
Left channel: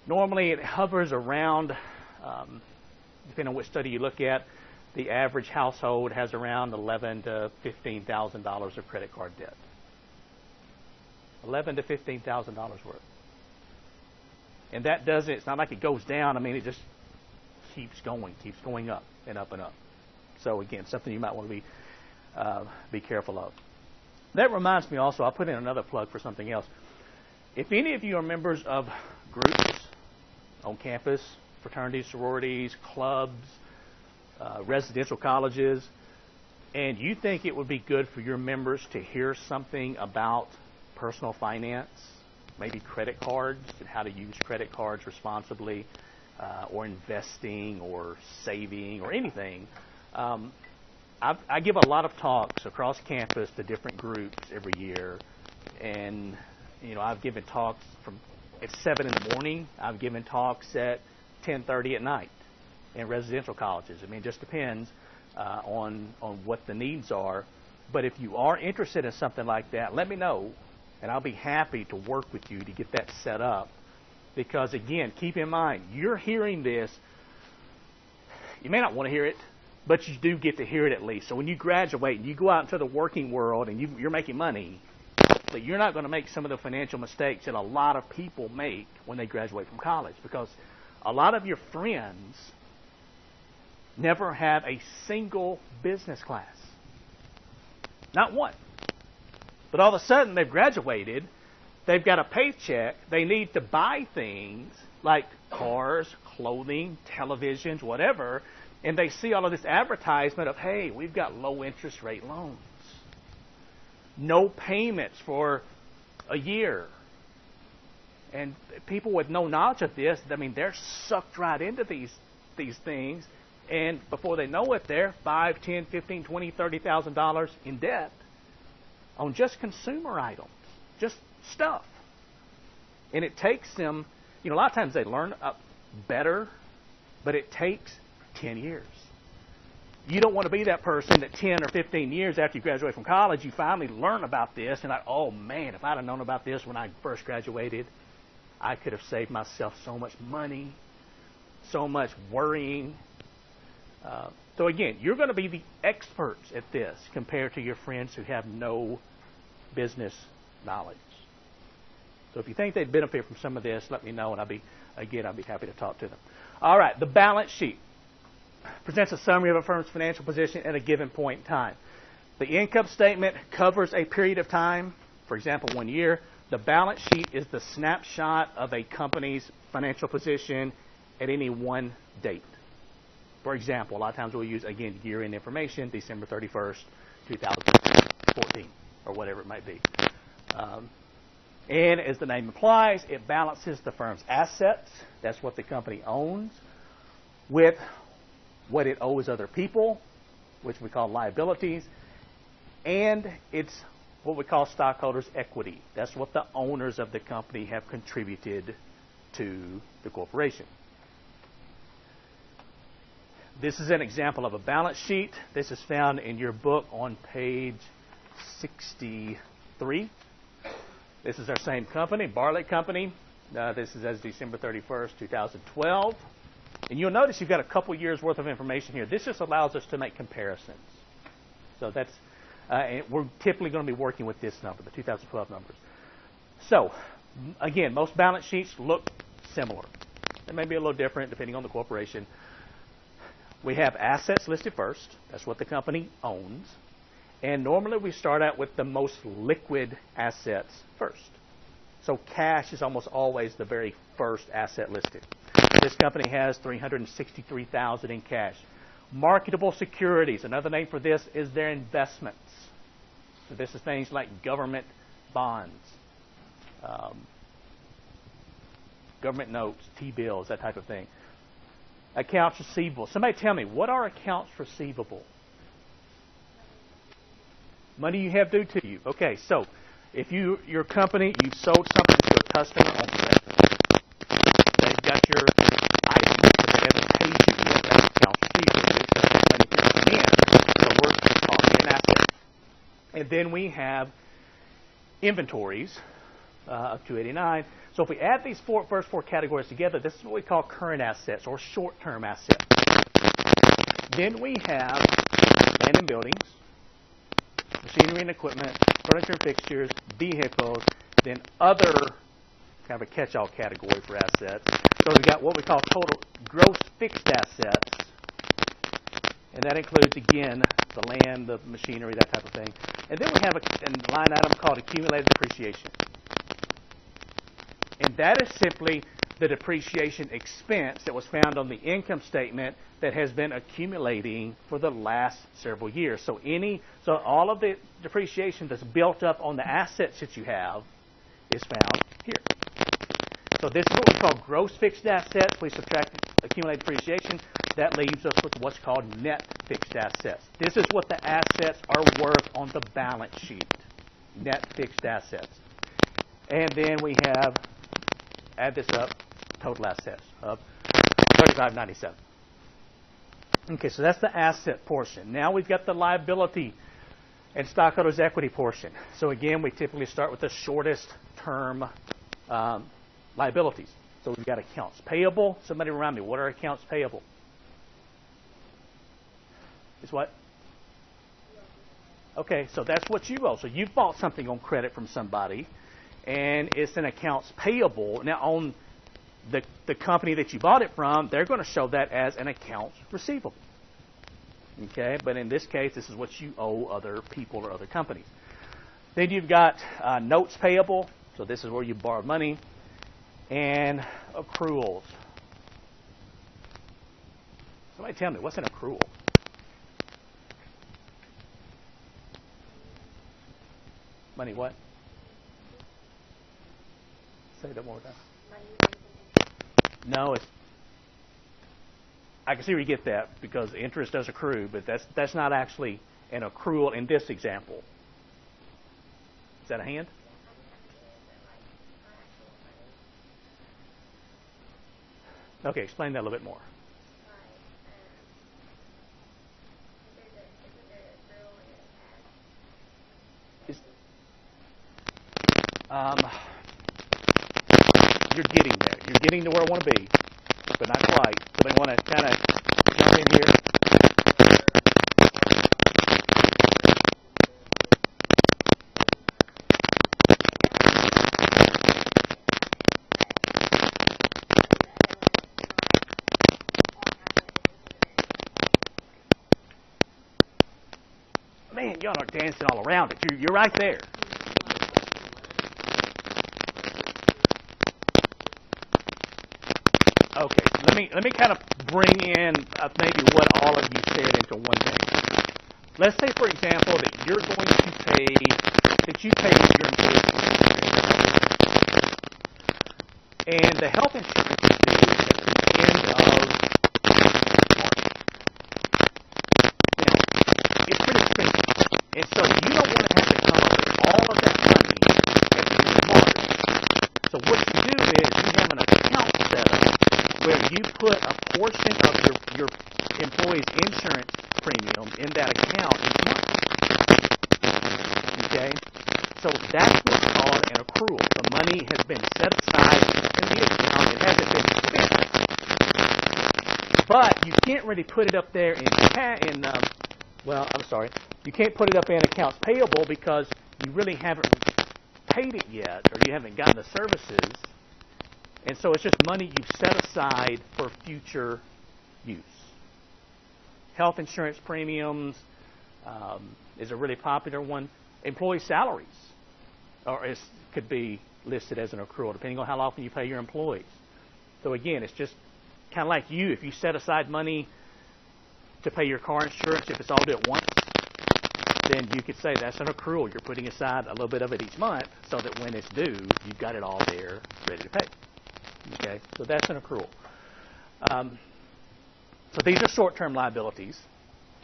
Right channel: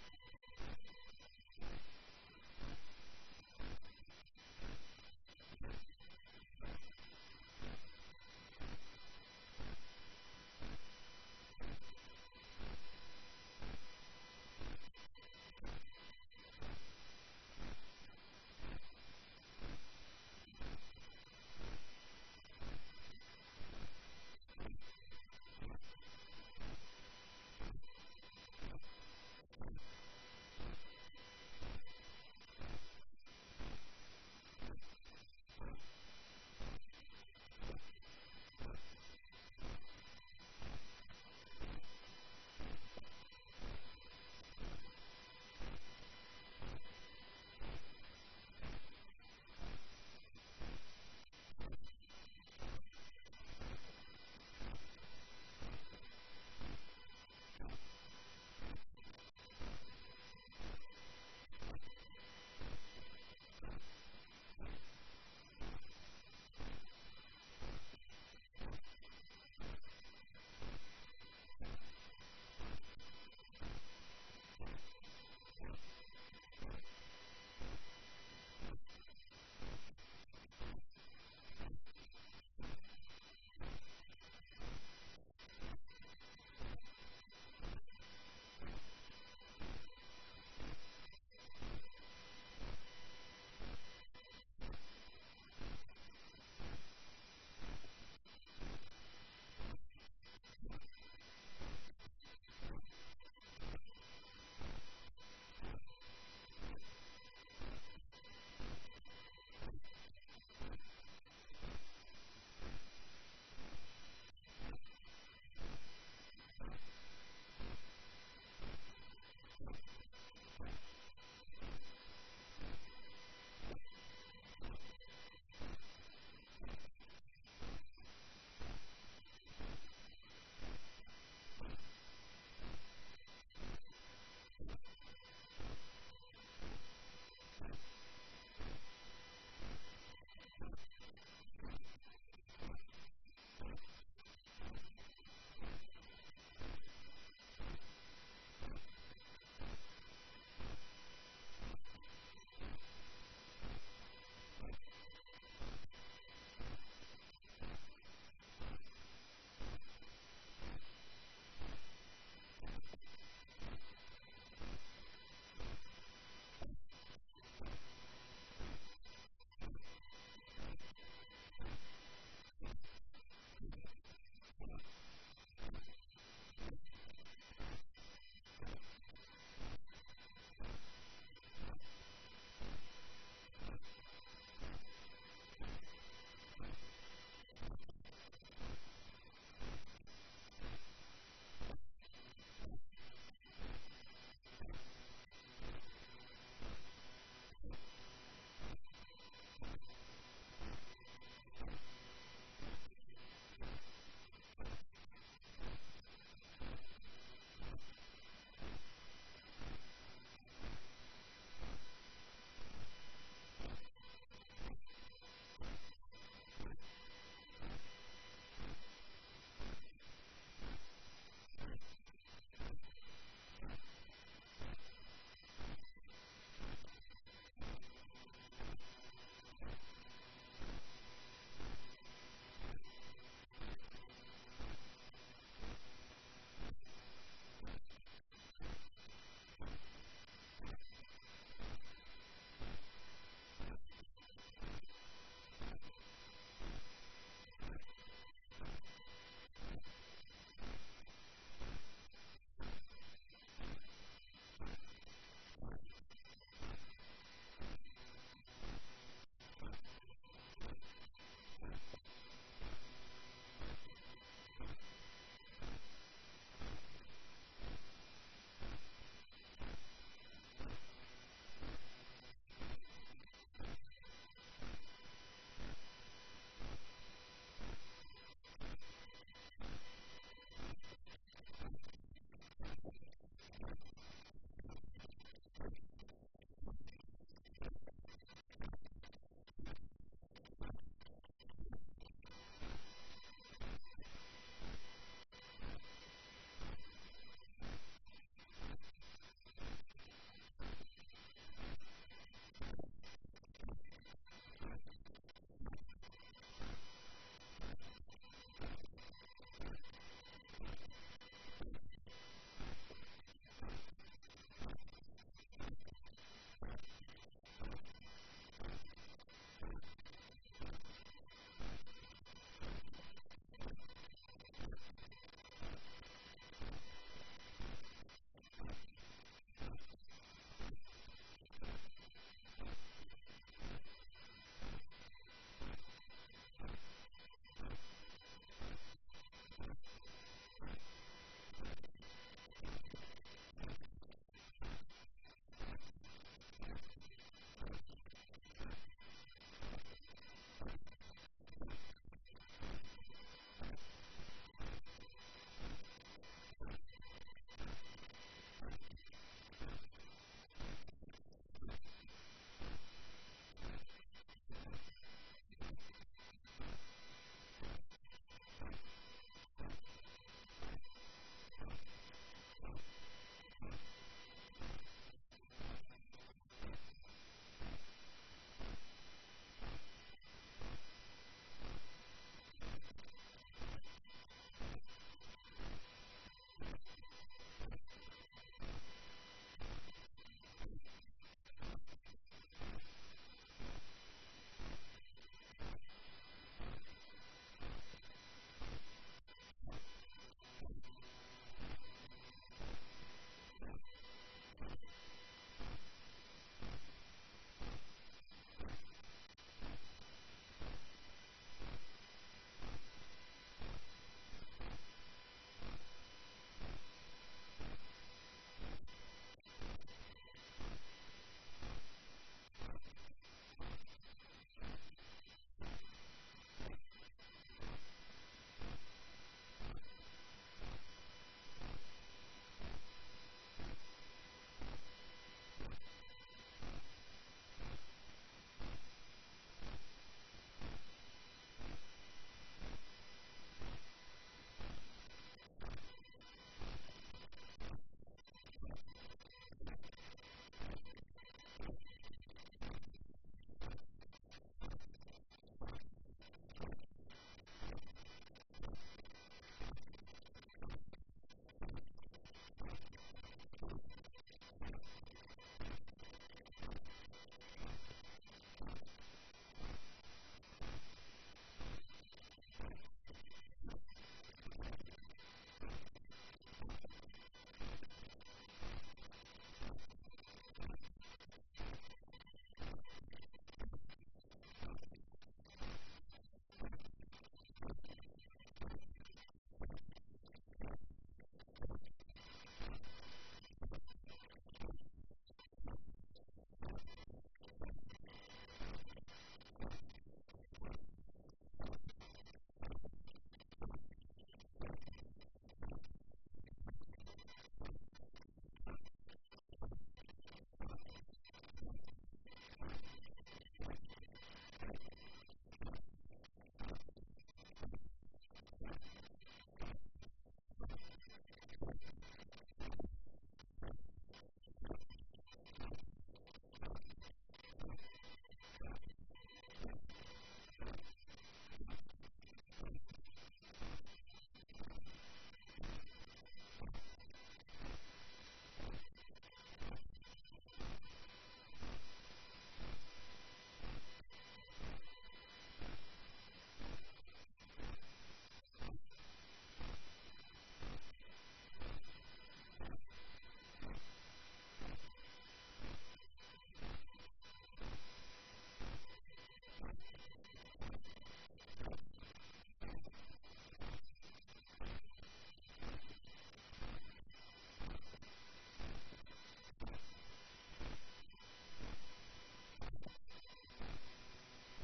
normally it hovers around, depending on which study you look at, the average household has around $11,000 to $15,000 of credit card debt. $11,000 to $15,000 worth. And that doesn't, it's not like it goes down. I mean, it just keeps going up and up and up. So again, something you might want to be careful of. That reminds me also, I'll put in another plug for something else. If any of you are members of groups on campus, fraternities, sororities, clubs, residential colleges, and you think it would be good for your members to hear something about personal finance, maybe credit cards and how to use credit cards responsibly, or investing or saving or anything, I give a lot of talks across campus to different groups every year, and I've given talks at 7 in the morning. I've given talks at 10:30 at night in residential colleges. I mean, it just depends on what the needs are. But if you are interested in something like that, let me know, and I'll be happy to work with you to get that set up. Because, again, keep in mind, you're hearing this. You may not want to hear it, but you do get to hear it at least. So when you graduate and you go out into the working world and you're making money, but you're not going to make some of the financial mistakes that a lot of people make when they graduate from college. Because a lot of your friends never have a single business class. Not one. But all of a sudden, they've graduated. They've got a paycheck. They need to buy things like cars, clothing, televisions, whatever. And they see all of this advertisement of, hey, we've got low interest rate loans. No payments for a year. And people with no knowledge of this, I mean, they're sucked right into these things. And before they know it, they're $5, $10, $15, $20, $30,000 in debt on just consumer items, just stuff. And it takes them, a lot of times they learn better, but it takes 10 years. You don't want to be that person that 10 or 15 years after you graduate from college, you finally learn about this, and oh man, if I'd have known about this when I first graduated, I could have saved myself so much money, so much worrying. So again, you're going to be the experts at this compared to your friends who have no business knowledge. So if you think they'd benefit from some of this, let me know, and I'll be happy to talk to them. All right, the balance sheet presents a summary of a firm's financial position at a given point in time. The income statement covers a period of time, for example, 1 year. The balance sheet is the snapshot of a company's financial position at any one date. For example, a lot of times we'll use, again, year-end information, December 31st, 2014, or whatever it might be. And as the name implies, it balances the firm's assets, that's what the company owns, with what it owes other people, which we call liabilities, and it's what we call stockholders' equity. That's what the owners of the company have contributed to the corporation. This is an example of a balance sheet. This is found in your book on page 63. This is our same company, Bartlett Company. This is as December 31st, 2012. And you'll notice you've got a couple years worth of information here. This just allows us to make comparisons. So that's, and we're typically going to be working with this number, the 2012 numbers. So, again, most balance sheets look similar. They may be a little different depending on the corporation. We have assets listed first. That's what the company owns. And normally we start out with the most liquid assets first. So cash is almost always the very first asset listed. This company has $363,000 in cash. Marketable securities, another name for this is their investments. So this is things like government bonds, government notes, T-bills, that type of thing. Accounts receivable. Somebody tell me, what are accounts receivable? Money you have due to you. Okay, so if your company, you've sold something to a customer on credit, they've got your item, but they haven't paid you yet. That's accounts receivable. It's money here come in, so we're calling an asset. And then we have inventories of 289. So if we add these first four categories together, this is what we call current assets or short-term assets. Then we have land and buildings, machinery and equipment, furniture and fixtures, vehicles, then other, kind of a catch-all category for assets. So we've got what we call total gross fixed assets, and that includes, again, the land, the machinery, that type of thing. And then we have a line item called accumulated depreciation. And that is simply the depreciation expense that was found on the income statement that has been accumulating for the last several years. So all of the depreciation that's built up on the assets that you have is found here. So this is what we call gross fixed assets. We subtract accumulated depreciation. That leaves us with what's called net fixed assets. This is what the assets are worth on the balance sheet. Net fixed assets. And then we have, add this up, total assets of $35.97. Okay, so that's the asset portion. Now we've got the liability and stockholders' equity portion. So again, we typically start with the shortest term liabilities. So we've got accounts payable. Somebody remind me, what are accounts payable? It's what? Okay, so that's what you owe. So you've bought something on credit from somebody, and it's an accounts payable. Now, on the company that you bought it from, they're going to show that as an accounts receivable. Okay, but in this case, this is what you owe other people or other companies. Then you've got notes payable. So this is where you borrow money. And accruals. Somebody tell me, what's an accrual? Money what? Say that one more time. No, I can see where you get that because interest does accrue, but that's not actually an accrual in this example. Is that a hand? Okay, explain that a little bit more. You're getting there. You're getting to where I want to be, but not quite. Somebody want to kind of jump in here? Man, y'all are dancing all around it. You're right there. Okay, let me kind of bring in maybe what all of you said into one thing. Let's say, for example, that you're going to pay, that you pay your employees, and the health insurance is due at the end of March. Now, portion of your employee's insurance premium in that account each month. Okay? So that's what's called an accrual. The money has been set aside in the account. It hasn't been spent. But you can't really put it up there you can't put it up in accounts payable because you really haven't paid it yet, or you haven't gotten the services. And so it's just money you've set aside for future use. Health insurance premiums is a really popular one. Employee salaries could be listed as an accrual, depending on how often you pay your employees. So again, it's just kind of like you. If you set aside money to pay your car insurance, if it's all due at once, then you could say that's an accrual. You're putting aside a little bit of it each month so that when it's due, you've got it all there ready to pay. Okay, so that's an accrual. So these are short-term liabilities.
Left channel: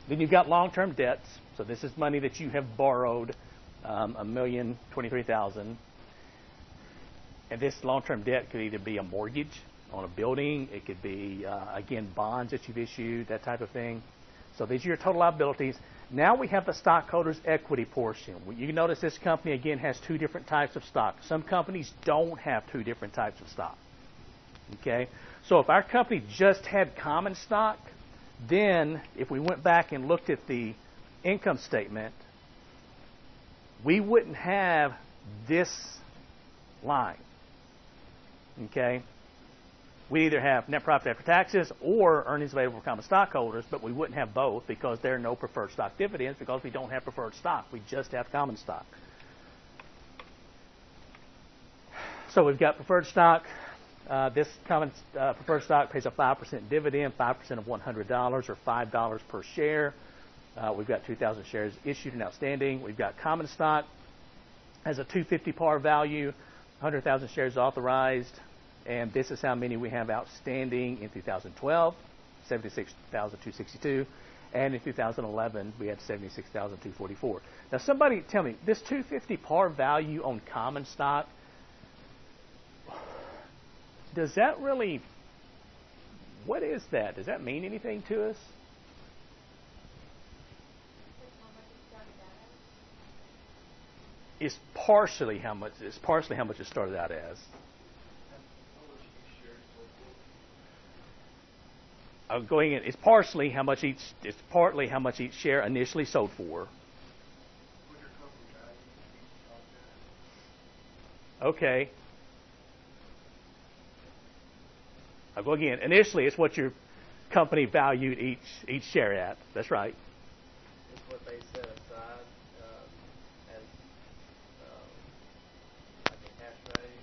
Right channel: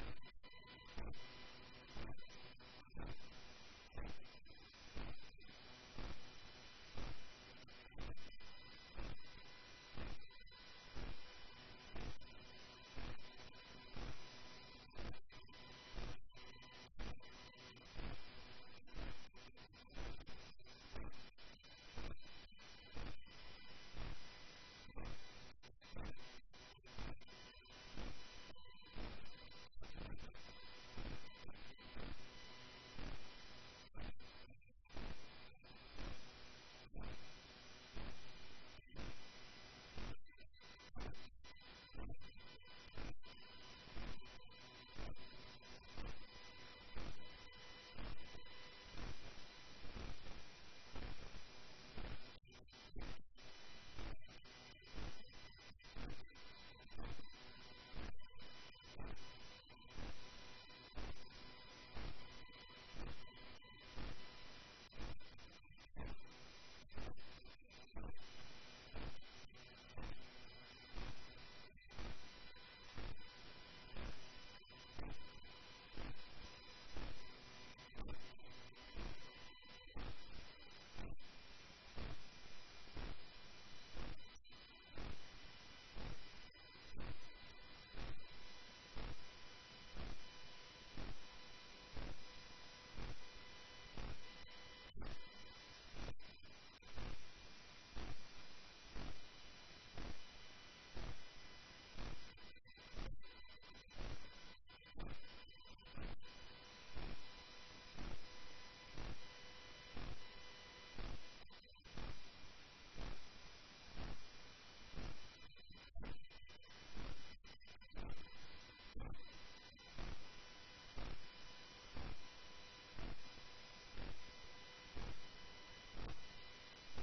Then you've got long-term debts. So this is money that you have borrowed, $1,023,000. And this long-term debt could either be a mortgage on a building. It could be, again, bonds that you've issued, that type of thing. So these are your total liabilities. Now we have the stockholders' equity portion. You can notice this company, again, has two different types of stock. Some companies don't have two different types of stock. Okay? So if our company just had common stock, then if we went back and looked at the income statement, we wouldn't have this line. Okay? We either have net profit after taxes or earnings available for common stockholders, but we wouldn't have both because there are no preferred stock dividends because we don't have preferred stock. We just have common stock. So we've got preferred stock. This common preferred stock pays a 5% dividend, 5% of $100 or $5 per share. We've got 2,000 shares issued and outstanding. We've got common stock has a $250 par value, 100,000 shares authorized. And this is how many we have outstanding in 2012, 76,262. And in 2011, we had 76,244. Now, somebody tell me, this 250 par value on common stock, does that really, what is that? Does that mean anything to us? It's partially how much it started out as. It's partly how much each share initially sold for. Okay. I'll go again. Initially, it's what your company valued each share at. That's right. It's what they set aside as like a cash value.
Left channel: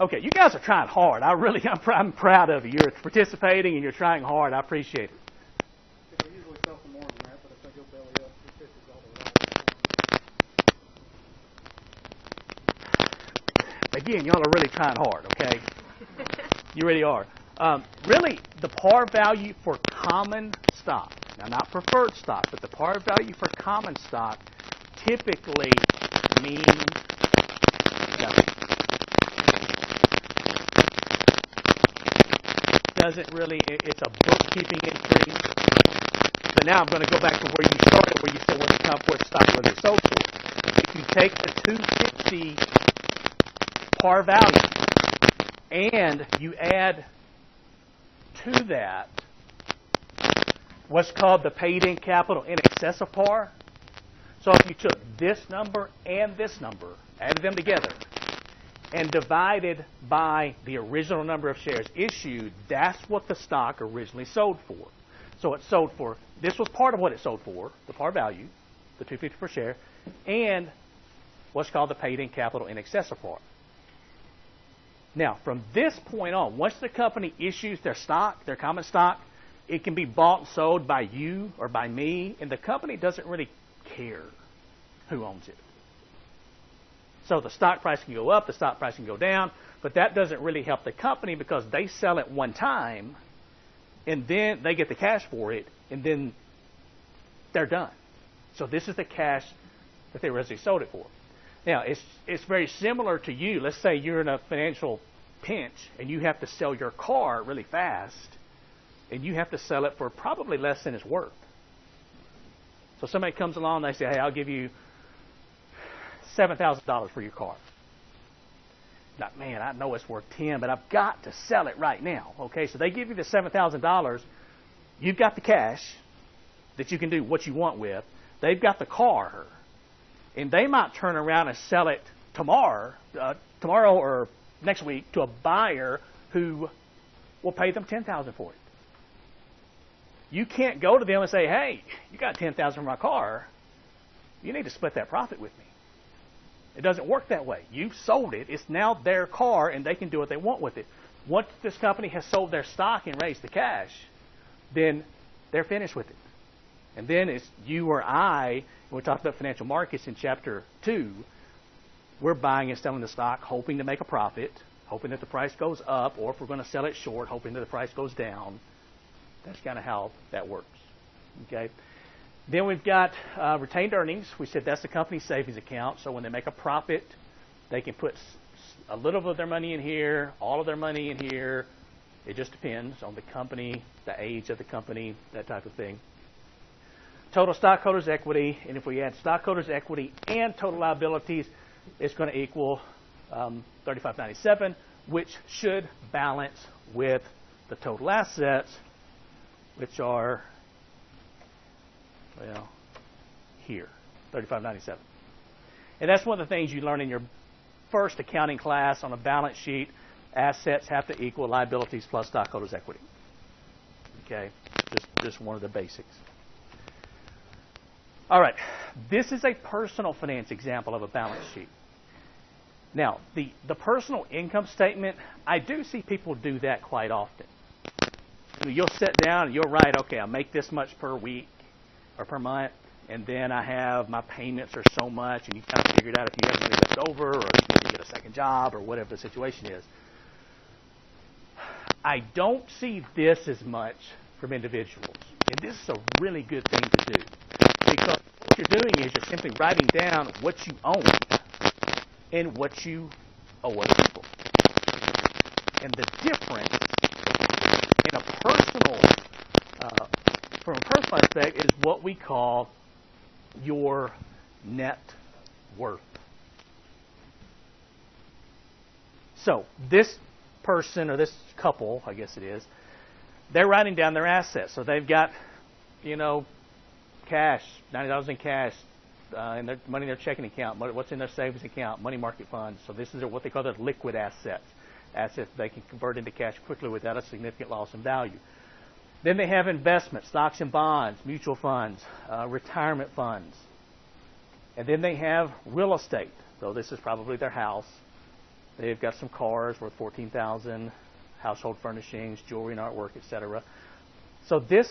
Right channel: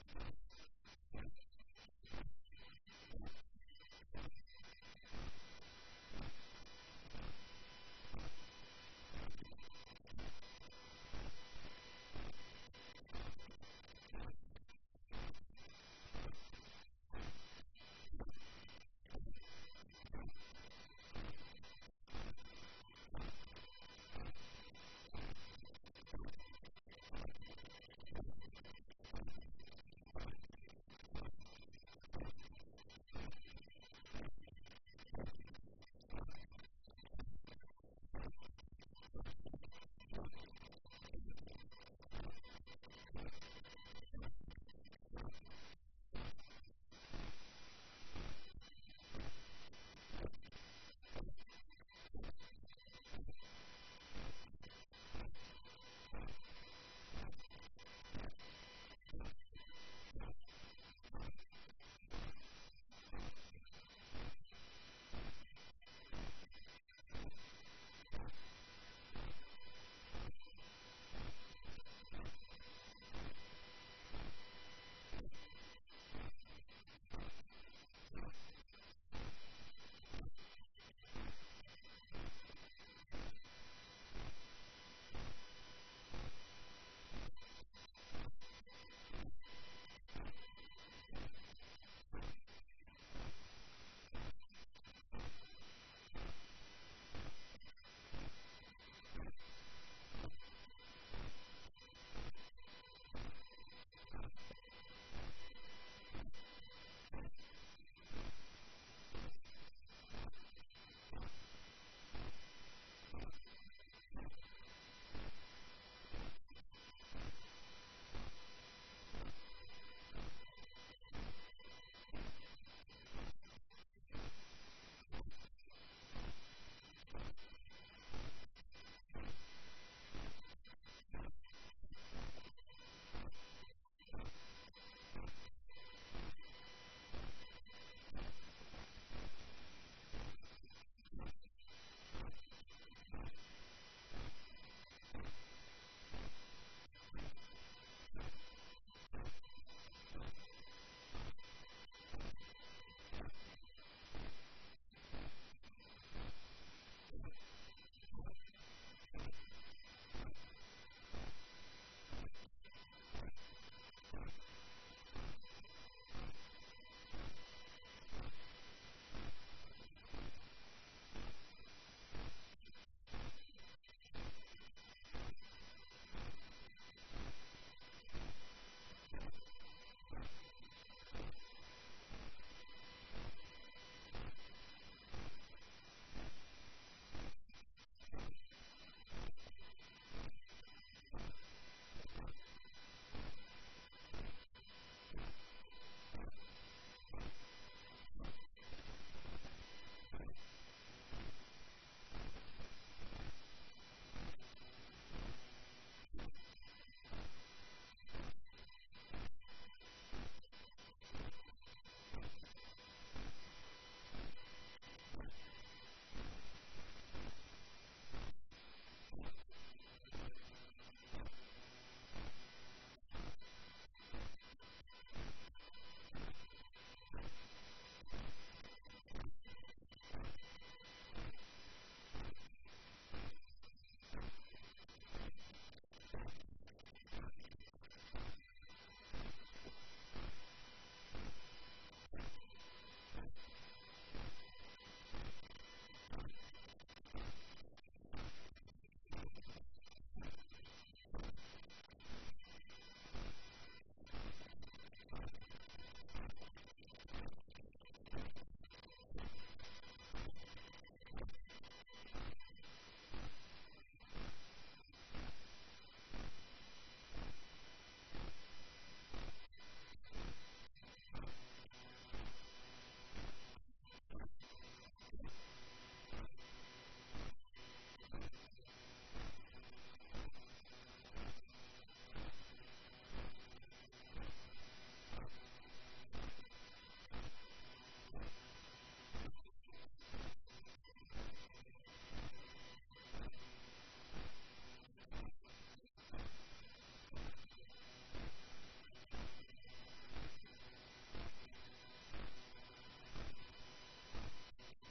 Okay, you guys are trying hard. I'm proud of you. You're participating and you're trying hard. I appreciate it. I usually sell for more than that, but if I go belly up, this is all the right. Again, y'all are really trying hard, okay? You really are. Really, the par value for common stock, now not preferred stock, but the par value for common stock typically means nothing. Doesn't really, it's a bookkeeping entry. But now I'm going to go back to where you started, where you said what the stock was it sold for. If you take the 250 par value and you add to that what's called the paid-in capital in excess of par. So if you took this number and this number, added them together, and divided by the original number of shares issued, that's what the stock originally sold for. So it sold for, this was part of what it sold for, the par value, the $250 per share, and what's called the paid-in capital in excess of par. Now, from this point on, once the company issues their stock, their common stock, it can be bought and sold by you or by me, and the company doesn't really care who owns it. So the stock price can go up, the stock price can go down, but that doesn't really help the company because they sell it one time, and then they get the cash for it, and then they're done. So this is the cash that they originally sold it for. Now, it's very similar to you. Let's say you're in a financial pinch and you have to sell your car really fast, and you have to sell it for probably less than it's worth. So somebody comes along and they say, hey, I'll give you $7,000 for your car. Like, man, I know it's worth 10, but I've got to sell it right now. Okay, so they give you the $7,000. You've got the cash that you can do what you want with. They've got the car, and they might turn around and sell it tomorrow or next week to a buyer who will pay them $10,000 for it. You can't go to them and say, hey, you got $10,000 for my car. You need to split that profit with me. It doesn't work that way. You've sold it. It's now their car, and they can do what they want with it. Once this company has sold their stock and raised the cash, then they're finished with it. And then it's you or I, when we talked about financial markets in chapter 2, we're buying and selling the stock, hoping to make a profit, hoping that the price goes up, or if we're going to sell it short, hoping that the price goes down. That's kind of how that works. Okay. Then we've got retained earnings. We said that's the company's savings account. So when they make a profit, they can put a little of their money in here, all of their money in here. It just depends on the company, the age of the company, that type of thing. Total stockholders' equity, and if we add stockholders' equity and total liabilities, it's going to equal $35.97, which should balance with the total assets, which are here, $35.97. And that's one of the things you learn in your first accounting class on a balance sheet. Assets have to equal liabilities plus stockholders' equity. Okay, just one of the basics. All right, this is a personal finance example of a balance sheet. Now, the personal income statement, I do see people do that quite often. You'll sit down and you'll write, okay, I make this much per week or per month, and then I have my payments are so much, and you kind of figure it out if you have money left over, or if you get a second job, or whatever the situation is. I don't see this as much from individuals, and this is a really good thing to do, because what you're doing is you're simply writing down what you own and what you owe other people. And the difference in a personal, from a personal aspect, is what we call your net worth. So this person or this couple, I guess it is, they're writing down their assets. So they've got, cash, $90 in cash, and their money in their checking account, what's in their savings account, money market funds. So this is what they call their liquid assets. Assets they can convert into cash quickly without a significant loss in value. Then they have investments, stocks and bonds, mutual funds, retirement funds. And then they have real estate. So this is probably their house. They've got some cars worth $14,000, household furnishings, jewelry and artwork, etc. So this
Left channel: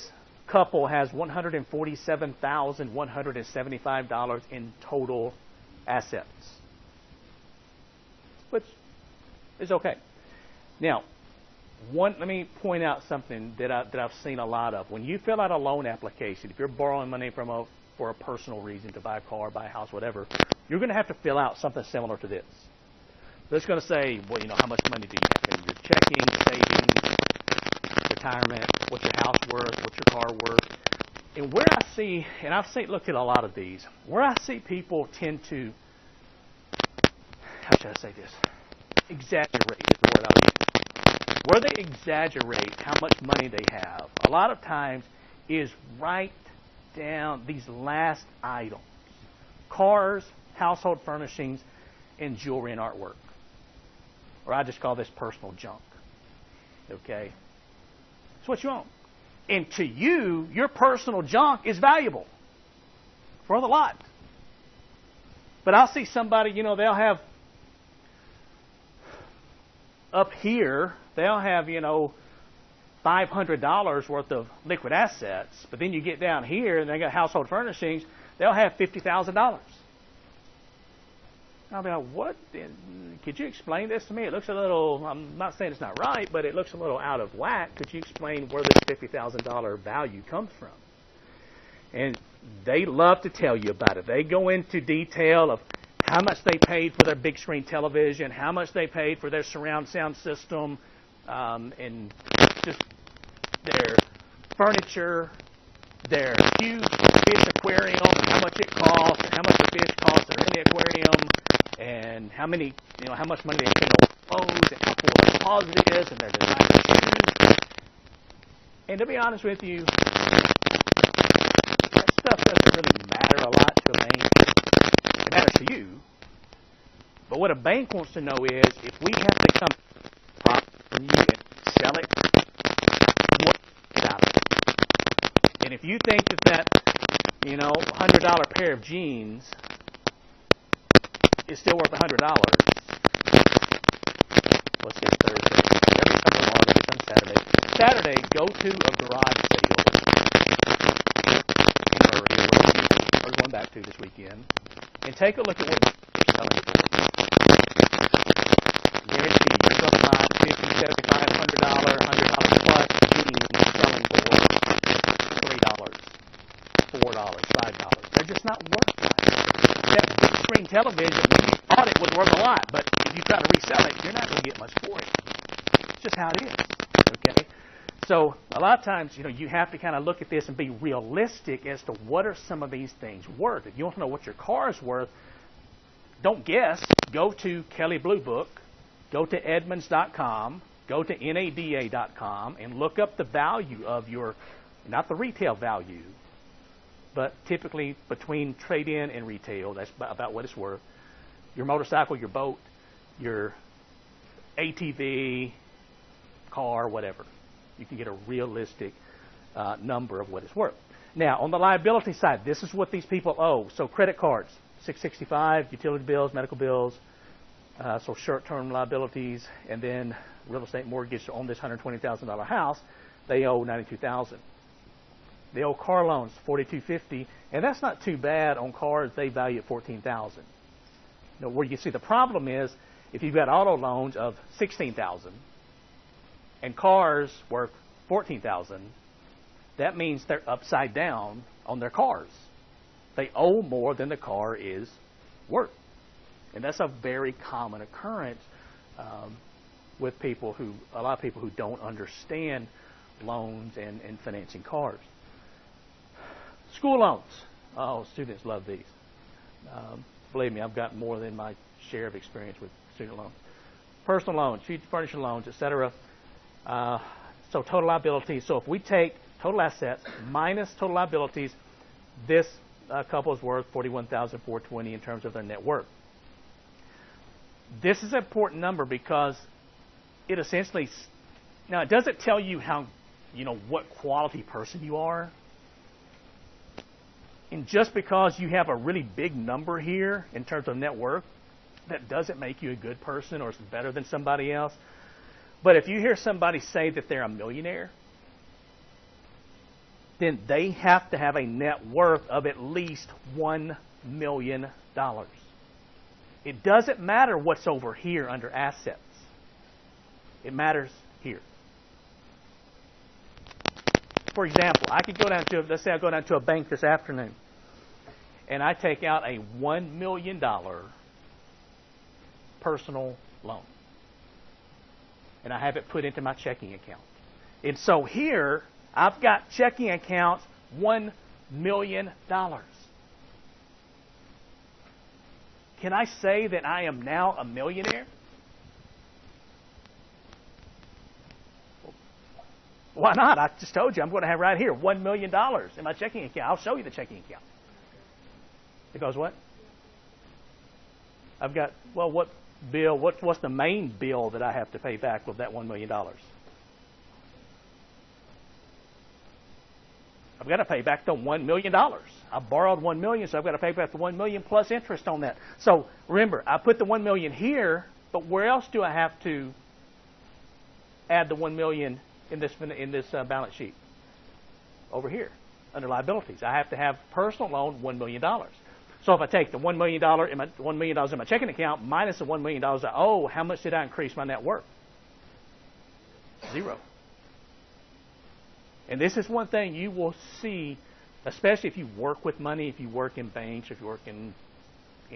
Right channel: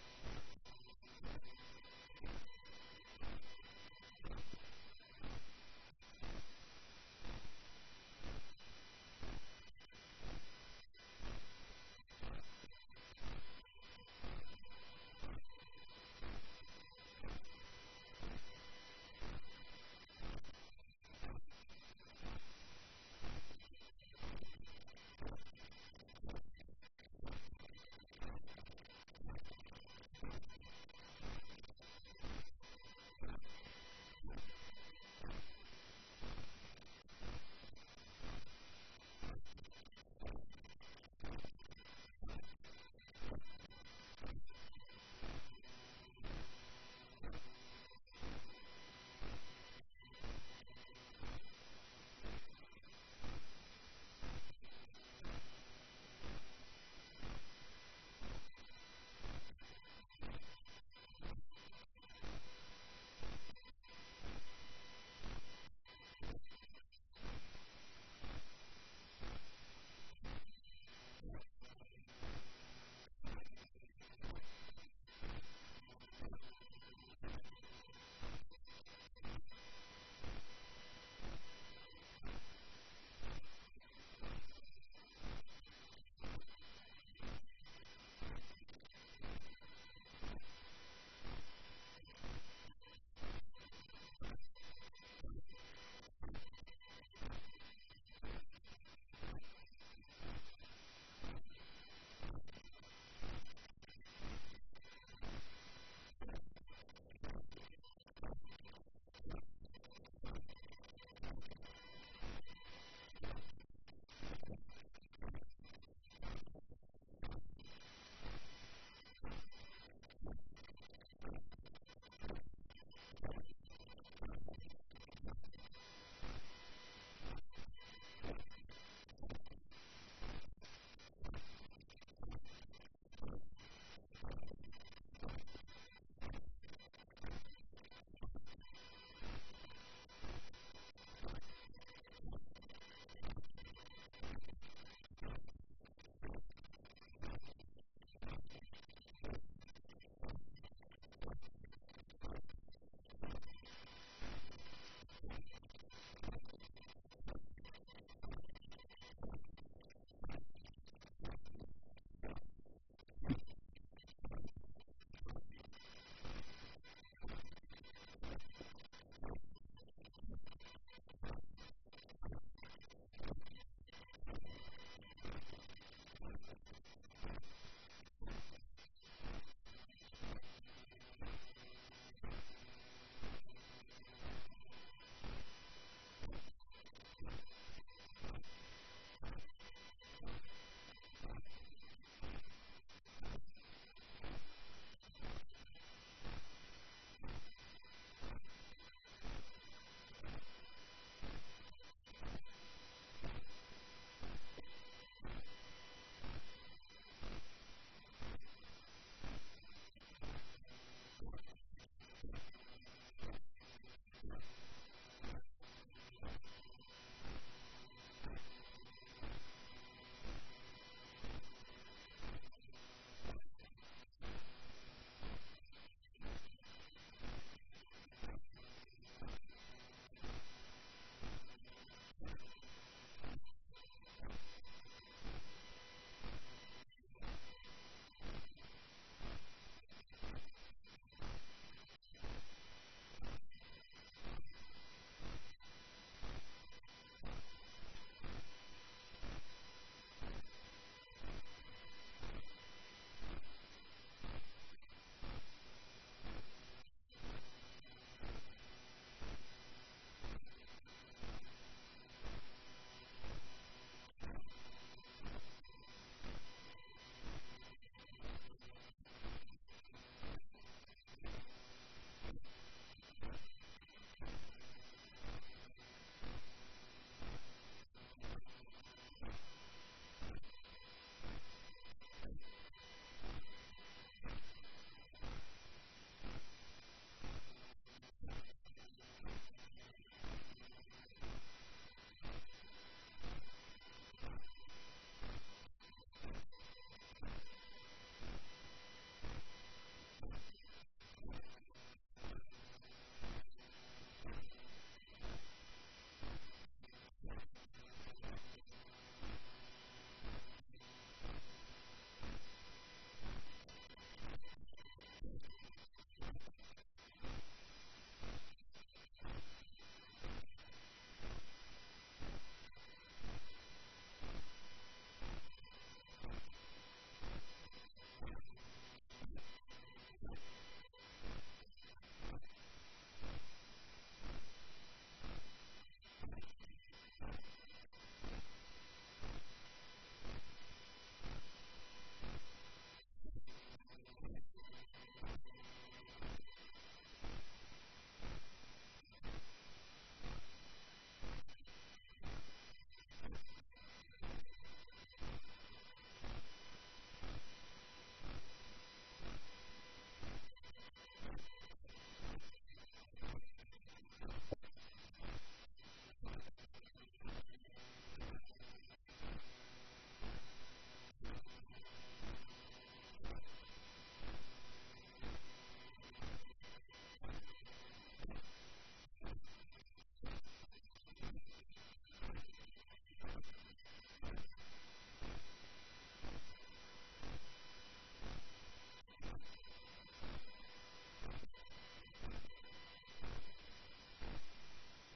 couple has $147,175 in total assets, which is okay. Now, let me point out something that I've seen a lot of. When you fill out a loan application, if you're borrowing money for a personal reason, to buy a car, buy a house, whatever, you're going to have to fill out something similar to this. So it's going to say, how much money do you have in your checking, savings, retirement, what's your house worth, what's your car worth. And where I see, and I've looked at a lot of these, where I see people tend to, how should I say this? Exaggerate is the word I would use. Where they exaggerate how much money they have, a lot of times is write down these last items: cars, household furnishings, and jewelry and artwork. Or I just call this personal junk. Okay? It's what you own. And to you, your personal junk is valuable for the lot. But I'll see somebody, they'll have up here, they'll have, $500 worth of liquid assets. But then you get down here and they got household furnishings, they'll have $50,000. I'll be like, what? Could you explain this to me? It looks a little, I'm not saying it's not right, but it looks a little out of whack. Could you explain where this $50,000 value comes from? And they love to tell you about it. They go into detail of how much they paid for their big screen television, how much they paid for their surround sound system, and just their furniture, their huge fish aquarium, how much it costs, how much the fish cost that are in the aquarium, and how much money they spend on clothes, and how full their closet is, and their designer shoes. And to be honest with you, that stuff doesn't really matter a lot to a bank. It matters to you. But what a bank wants to know is, if we have to come from you and sell it, what about it? And if you think that $100 pair of jeans is still worth $100, let's get Thursday. Every couple of August, it's on Saturday. Saturday, go to a garage sale in Murray, we're going back to this weekend, and take a look at what you're selling it for. Guarantee you're going to find $50, $75, $100 plus jeans selling for $3, $4, $5. They're just not worth much. That big screen television, when you thought it was worth a lot, but if you try to resell it, you're not going to get much for it. It's just how it is. Okay? So a lot of times, you have to kind of look at this and be realistic as to what are some of these things worth. If you want to know what your car is worth, don't guess. Go to Kelley Blue Book, go to Edmunds.com, go to NADA.com, and look up the value of your, not the retail value, but typically between trade-in and retail, that's about what it's worth. Your motorcycle, your boat, your ATV, car, whatever. You can get a realistic number of what it's worth. Now, on the liability side, this is what these people owe. So credit cards, $665, utility bills, medical bills, so short-term liabilities, and then real estate mortgage on this $120,000 house, they owe $92,000. They owe car loans, $4,250, and that's not too bad on cars they value at $14,000. Where you see the problem is, if you've got auto loans of $16,000 and cars worth $14,000, that means they're upside down on their cars. They owe more than the car is worth. And that's a very common occurrence with a lot of people who don't understand loans and financing cars. School loans. Oh, students love these. Believe me, I've got more than my share of experience with student loans. Personal loans, furniture loans, etc. So total liabilities. So if we take total assets minus total liabilities, this couple is worth $41,420 in terms of their net worth. This is an important number because it essentially, now it doesn't tell you how, what quality person you are. And just because you have a really big number here in terms of net worth, that doesn't make you a good person or better than somebody else. But if you hear somebody say that they're a millionaire, then they have to have a net worth of at least $1 million. It doesn't matter what's over here under assets. It matters here. For example, I could go down to, let's say I go down to a bank this afternoon, and I take out a $1 million personal loan. And I have it put into my checking account. And so here, I've got checking accounts, $1 million. Can I say that I am now a millionaire? Why not? I just told you I'm going to have right here $1 million in my checking account. I'll show you the checking account. Because what? I've got, well, what bill, what's the main bill that I have to pay back of that $1 million? I've got to pay back the $1 million. I borrowed $1 million, so I've got to pay back the $1 million plus interest on that. So remember, I put the $1 million here, but where else do I have to add the $1 million in this balance sheet? Over here, under liabilities. I have to have personal loan $1 million. So if I take the $1 million in my checking account minus the $1 million I owe, how much did I increase my net worth? Zero. And this is one thing you will see, especially if you work with money, if you work in banks, if you work in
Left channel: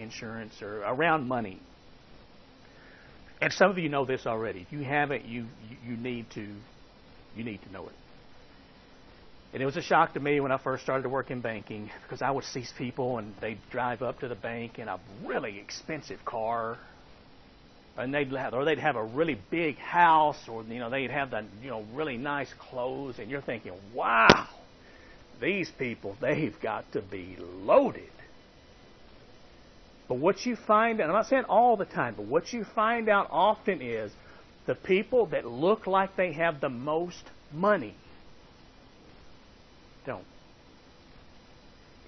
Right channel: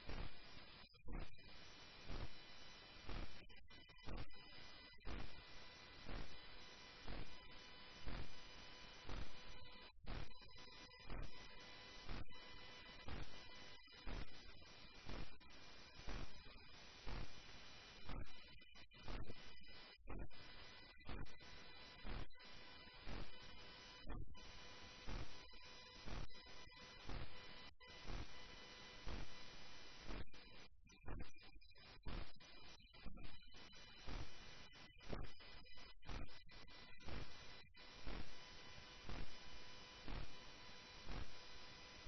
insurance or around money. And some of you know this already. If you haven't, you need to know it. And it was a shock to me when I first started to work in banking, because I would see people and they'd drive up to the bank in a really expensive car, and they'd have a really big house, or they'd have the really nice clothes, and you're thinking, wow, these people, they've got to be loaded. But what you find, and I'm not saying all the time, but what you find out often is the people that look like they have the most money don't.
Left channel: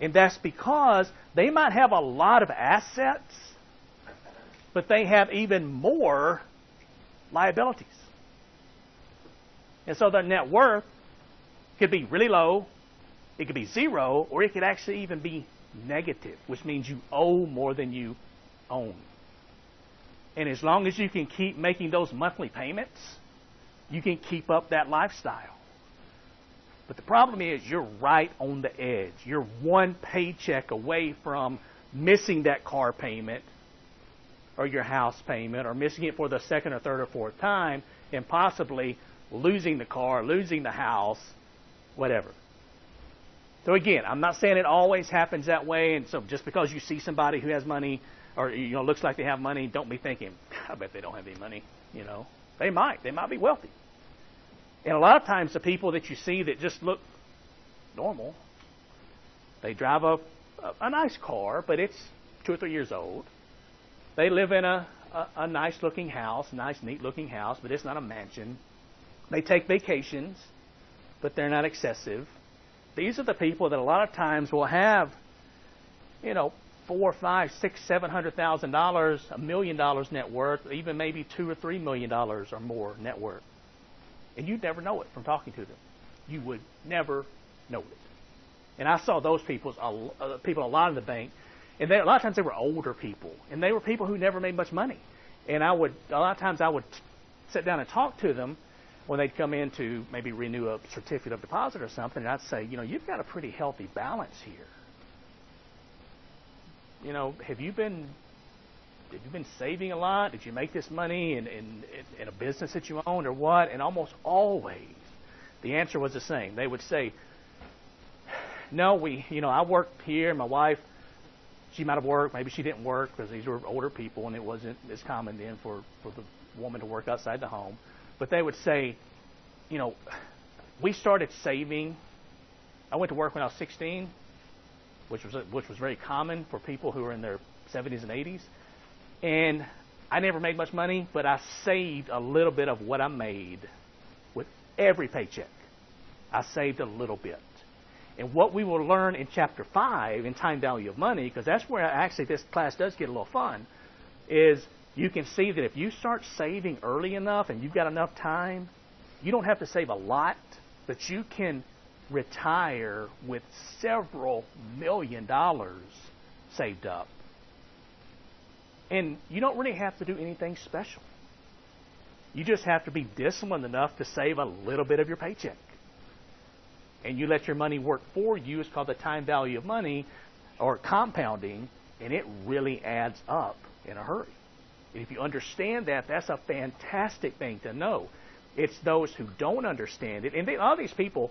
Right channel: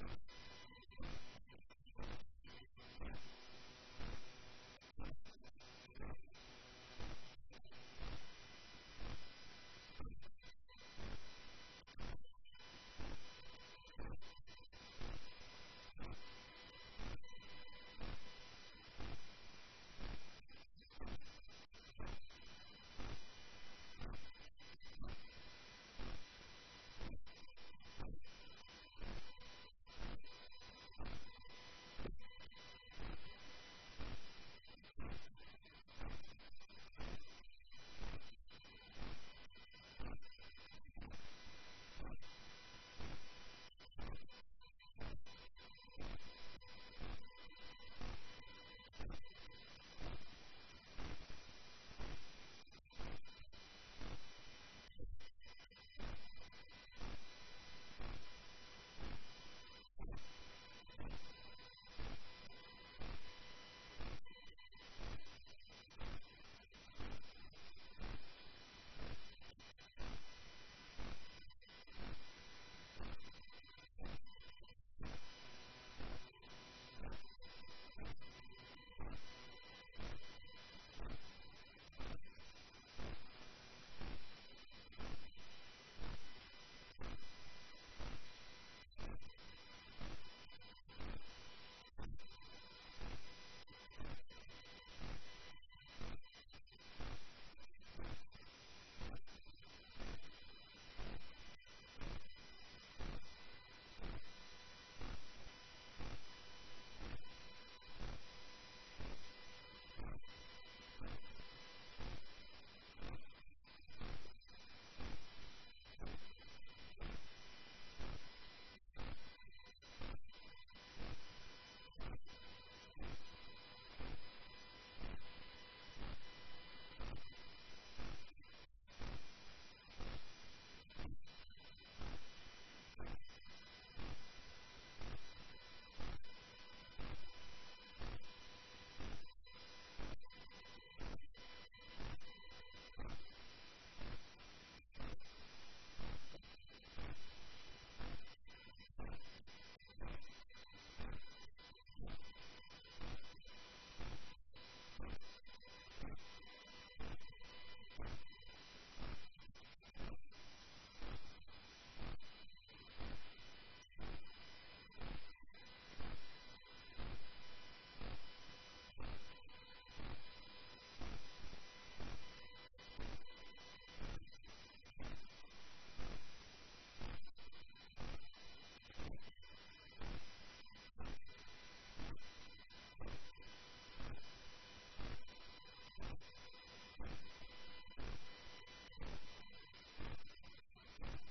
And that's because they might have a lot of assets, but they have even more liabilities. And so their net worth could be really low, it could be zero, or it could actually even be negative, which means you owe more than you own. And as long as you can keep making those monthly payments, you can keep up that lifestyle. But the problem is you're right on the edge. You're one paycheck away from missing that car payment or your house payment, or missing it for the second or third or fourth time, and possibly losing the car, losing the house, whatever. So again, I'm not saying it always happens that way, and so just because you see somebody who has money or looks like they have money, don't be thinking, I bet they don't have any money. They might be wealthy. And a lot of times the people that you see that just look normal, they drive a nice car, but it's 2 or 3 years old. They live in a nice looking house, nice neat looking house, but it's not a mansion. They take vacations, but they're not excessive. These are the people that a lot of times will have, $4, $5, $6, $700,000, $1 million net worth, even maybe $2 or $3 million or more net worth. And you'd never know it from talking to them. You would never know it. And I saw those people a lot in the bank, and a lot of times they were older people, and they were people who never made much money. And a lot of times I would sit down and talk to them when they'd come in to maybe renew a certificate of deposit or something, and I'd say, you've got a pretty healthy balance here. Have you been saving a lot? Did you make this money in a business that you own or what? And almost always the answer was the same. They would say, no, I work here, and my wife, she might have worked, maybe she didn't work, because these were older people and it wasn't as common then for the woman to work outside the home. But they would say, we started saving. I went to work when I was 16, which was very common for people who were in their 70s and 80s. And I never made much money, but I saved a little bit of what I made with every paycheck. I saved a little bit. And what we will learn in Chapter 5 in Time Value of Money, because that's where actually this class does get a little fun, is you can see that if you start saving early enough and you've got enough time, you don't have to save a lot, but you can retire with several $1 million saved up. And you don't really have to do anything special. You just have to be disciplined enough to save a little bit of your paycheck. And you let your money work for you. It's called the time value of money, or compounding, and it really adds up in a hurry. And if you understand that, that's a fantastic thing to know. It's those who don't understand it. And a lot of these people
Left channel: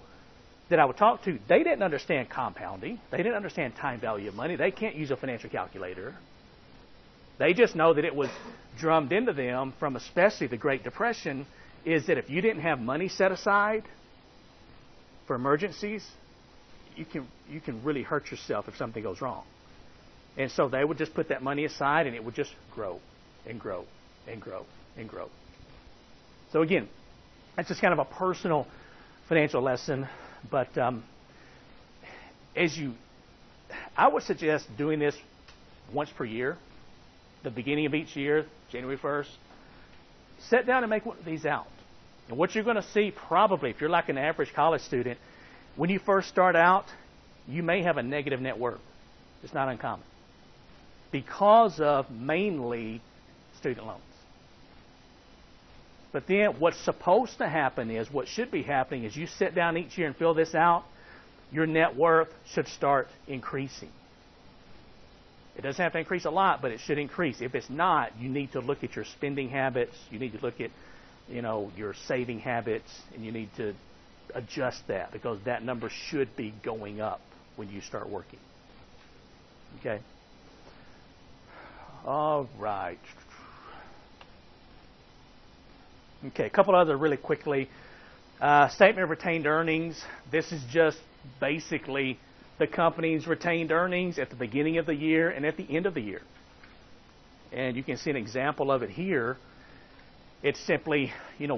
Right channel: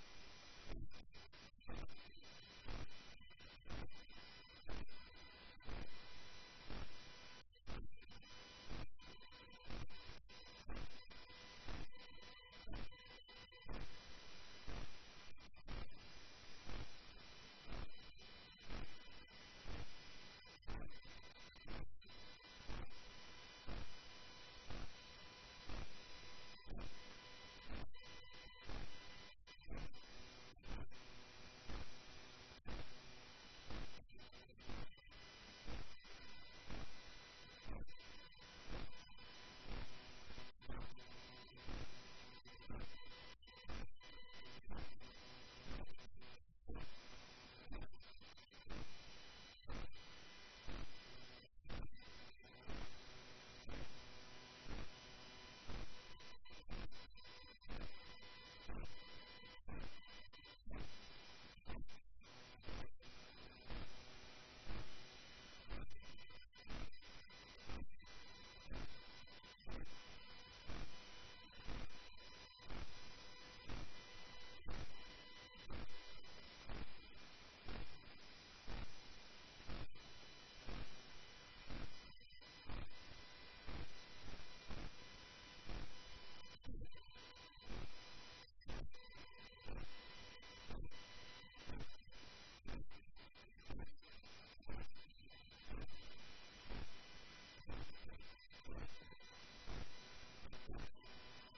that I would talk to, they didn't understand compounding. They didn't understand time value of money. They can't use a financial calculator. They just know that it was drummed into them from especially the Great Depression, is that if you didn't have money set aside for emergencies, you can really hurt yourself if something goes wrong. And so they would just put that money aside, and it would just grow and grow and grow and grow. So again, that's just kind of a personal financial lesson. But I would suggest doing this once per year, the beginning of each year, January 1st. Sit down and make one of these out. And what you're going to see probably, if you're like an average college student, when you first start out, you may have a negative net worth. It's not uncommon. Because of mainly student loans. But then what's supposed to happen is, what should be happening is, you sit down each year and fill this out, your net worth should start increasing. It doesn't have to increase a lot, but it should increase. If it's not, you need to look at your spending habits. You need to look at, your saving habits, and you need to adjust that because that number should be going up when you start working. Okay? All right. Okay, a couple other really quickly. Statement of retained earnings. This is just basically the company's retained earnings at the beginning of the year and at the end of the year. And you can see an example of it here. It's simply,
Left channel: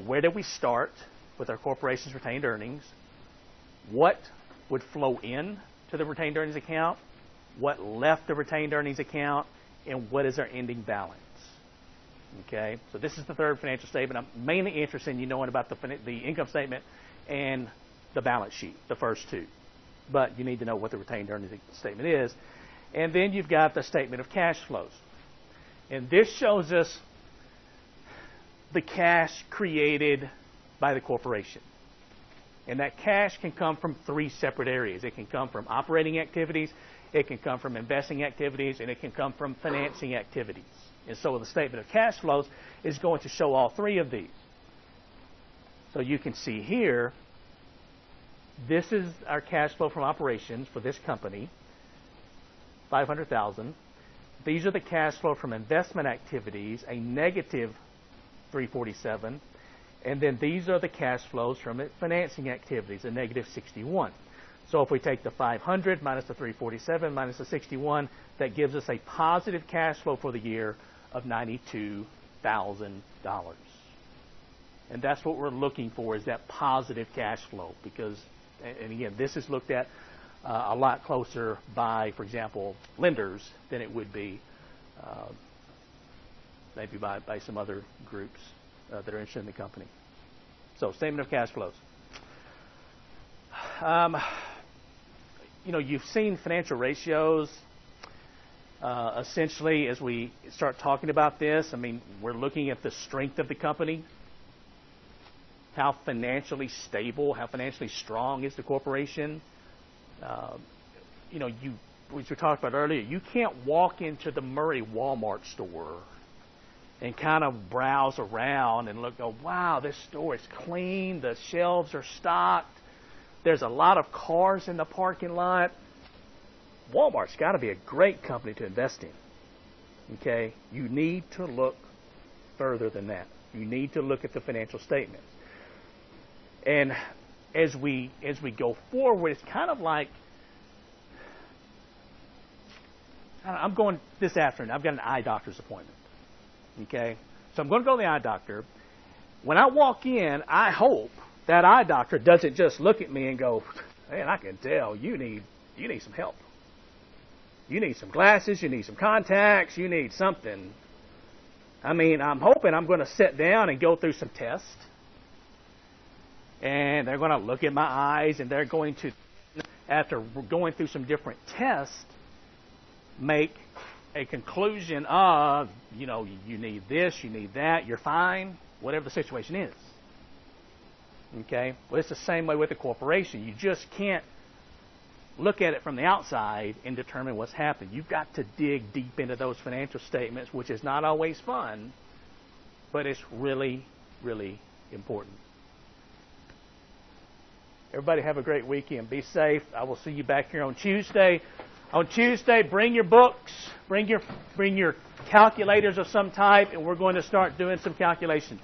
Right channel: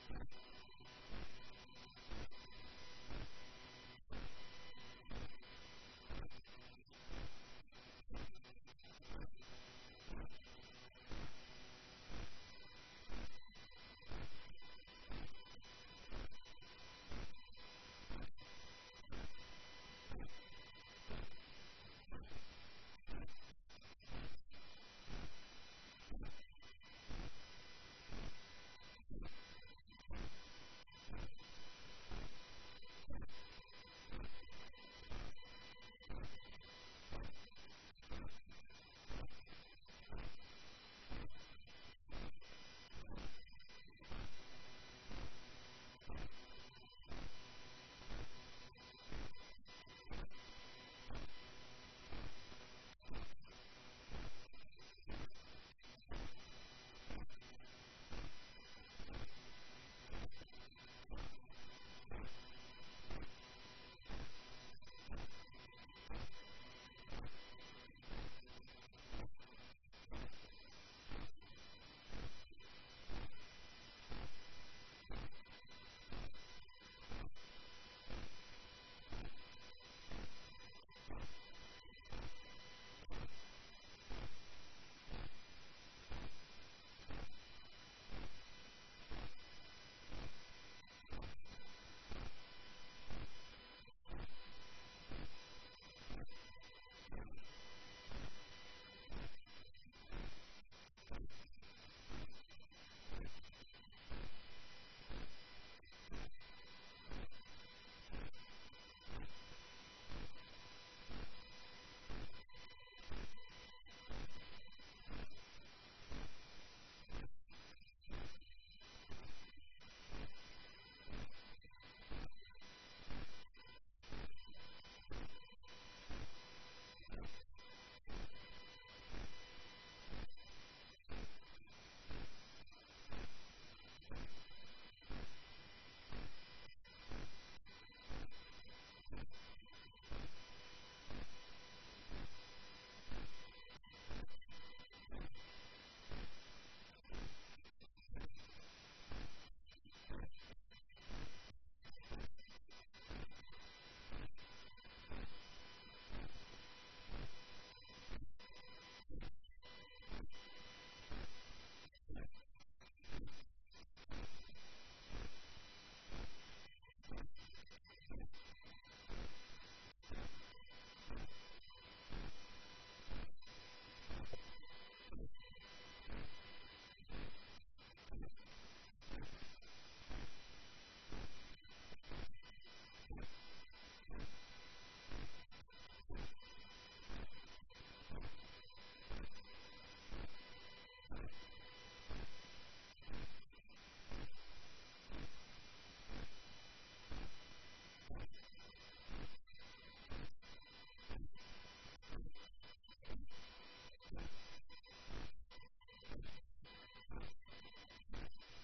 where did we start with our corporation's retained earnings? What would flow in to the retained earnings account? What left the retained earnings account? And what is our ending balance? Okay, so this is the third financial statement. I'm mainly interested in you knowing about the income statement and the balance sheet, the first two. But you need to know what the retained earnings statement is. And then you've got the statement of cash flows. And this shows us the cash created by the corporation. And that cash can come from three separate areas. It can come from operating activities, it can come from investing activities, and it can come from financing activities. And so the statement of cash flows is going to show all three of these. So you can see here, this is our cash flow from operations for this company, $500,000. These are the cash flow from investment activities, a negative $347. And then these are the cash flows from financing activities, a negative $61. So if we take the 500 minus the 347 minus the 61, that gives us a positive cash flow for the year of $92,000. And that's what we're looking for, is that positive cash flow. Because, and again, this is looked at a lot closer by, for example, lenders than it would be maybe by some other groups that are interested in the company. So, statement of cash flows. You've seen financial ratios. Essentially, as we start talking about this, we're looking at the strength of the company. How financially stable, how financially strong is the corporation? As we talked about earlier, you can't walk into the Murray Walmart store and kind of browse around and go, wow, this store is clean, the shelves are stocked, there's a lot of cars in the parking lot. Walmart's got to be a great company to invest in. Okay? You need to look further than that. You need to look at the financial statement. And as we go forward, it's kind of like, I'm going this afternoon. I've got an eye doctor's appointment. Okay? So I'm going to go to the eye doctor. When I walk in, I hope that eye doctor doesn't just look at me and go, man, I can tell you need some help. You need some glasses, you need some contacts, you need something. I'm hoping I'm going to sit down and go through some tests. And they're going to look at my eyes, and they're going to, after going through some different tests, make a conclusion of, you need this, you need that, you're fine, whatever the situation is. Okay? Well, it's the same way with the corporation. You just can't look at it from the outside and determine what's happening. You've got to dig deep into those financial statements, which is not always fun, but it's really, really important. Everybody have a great weekend. Be safe. I will see you back here on Tuesday. On Tuesday, bring your books, bring your calculators of some type, and we're going to start doing some calculations.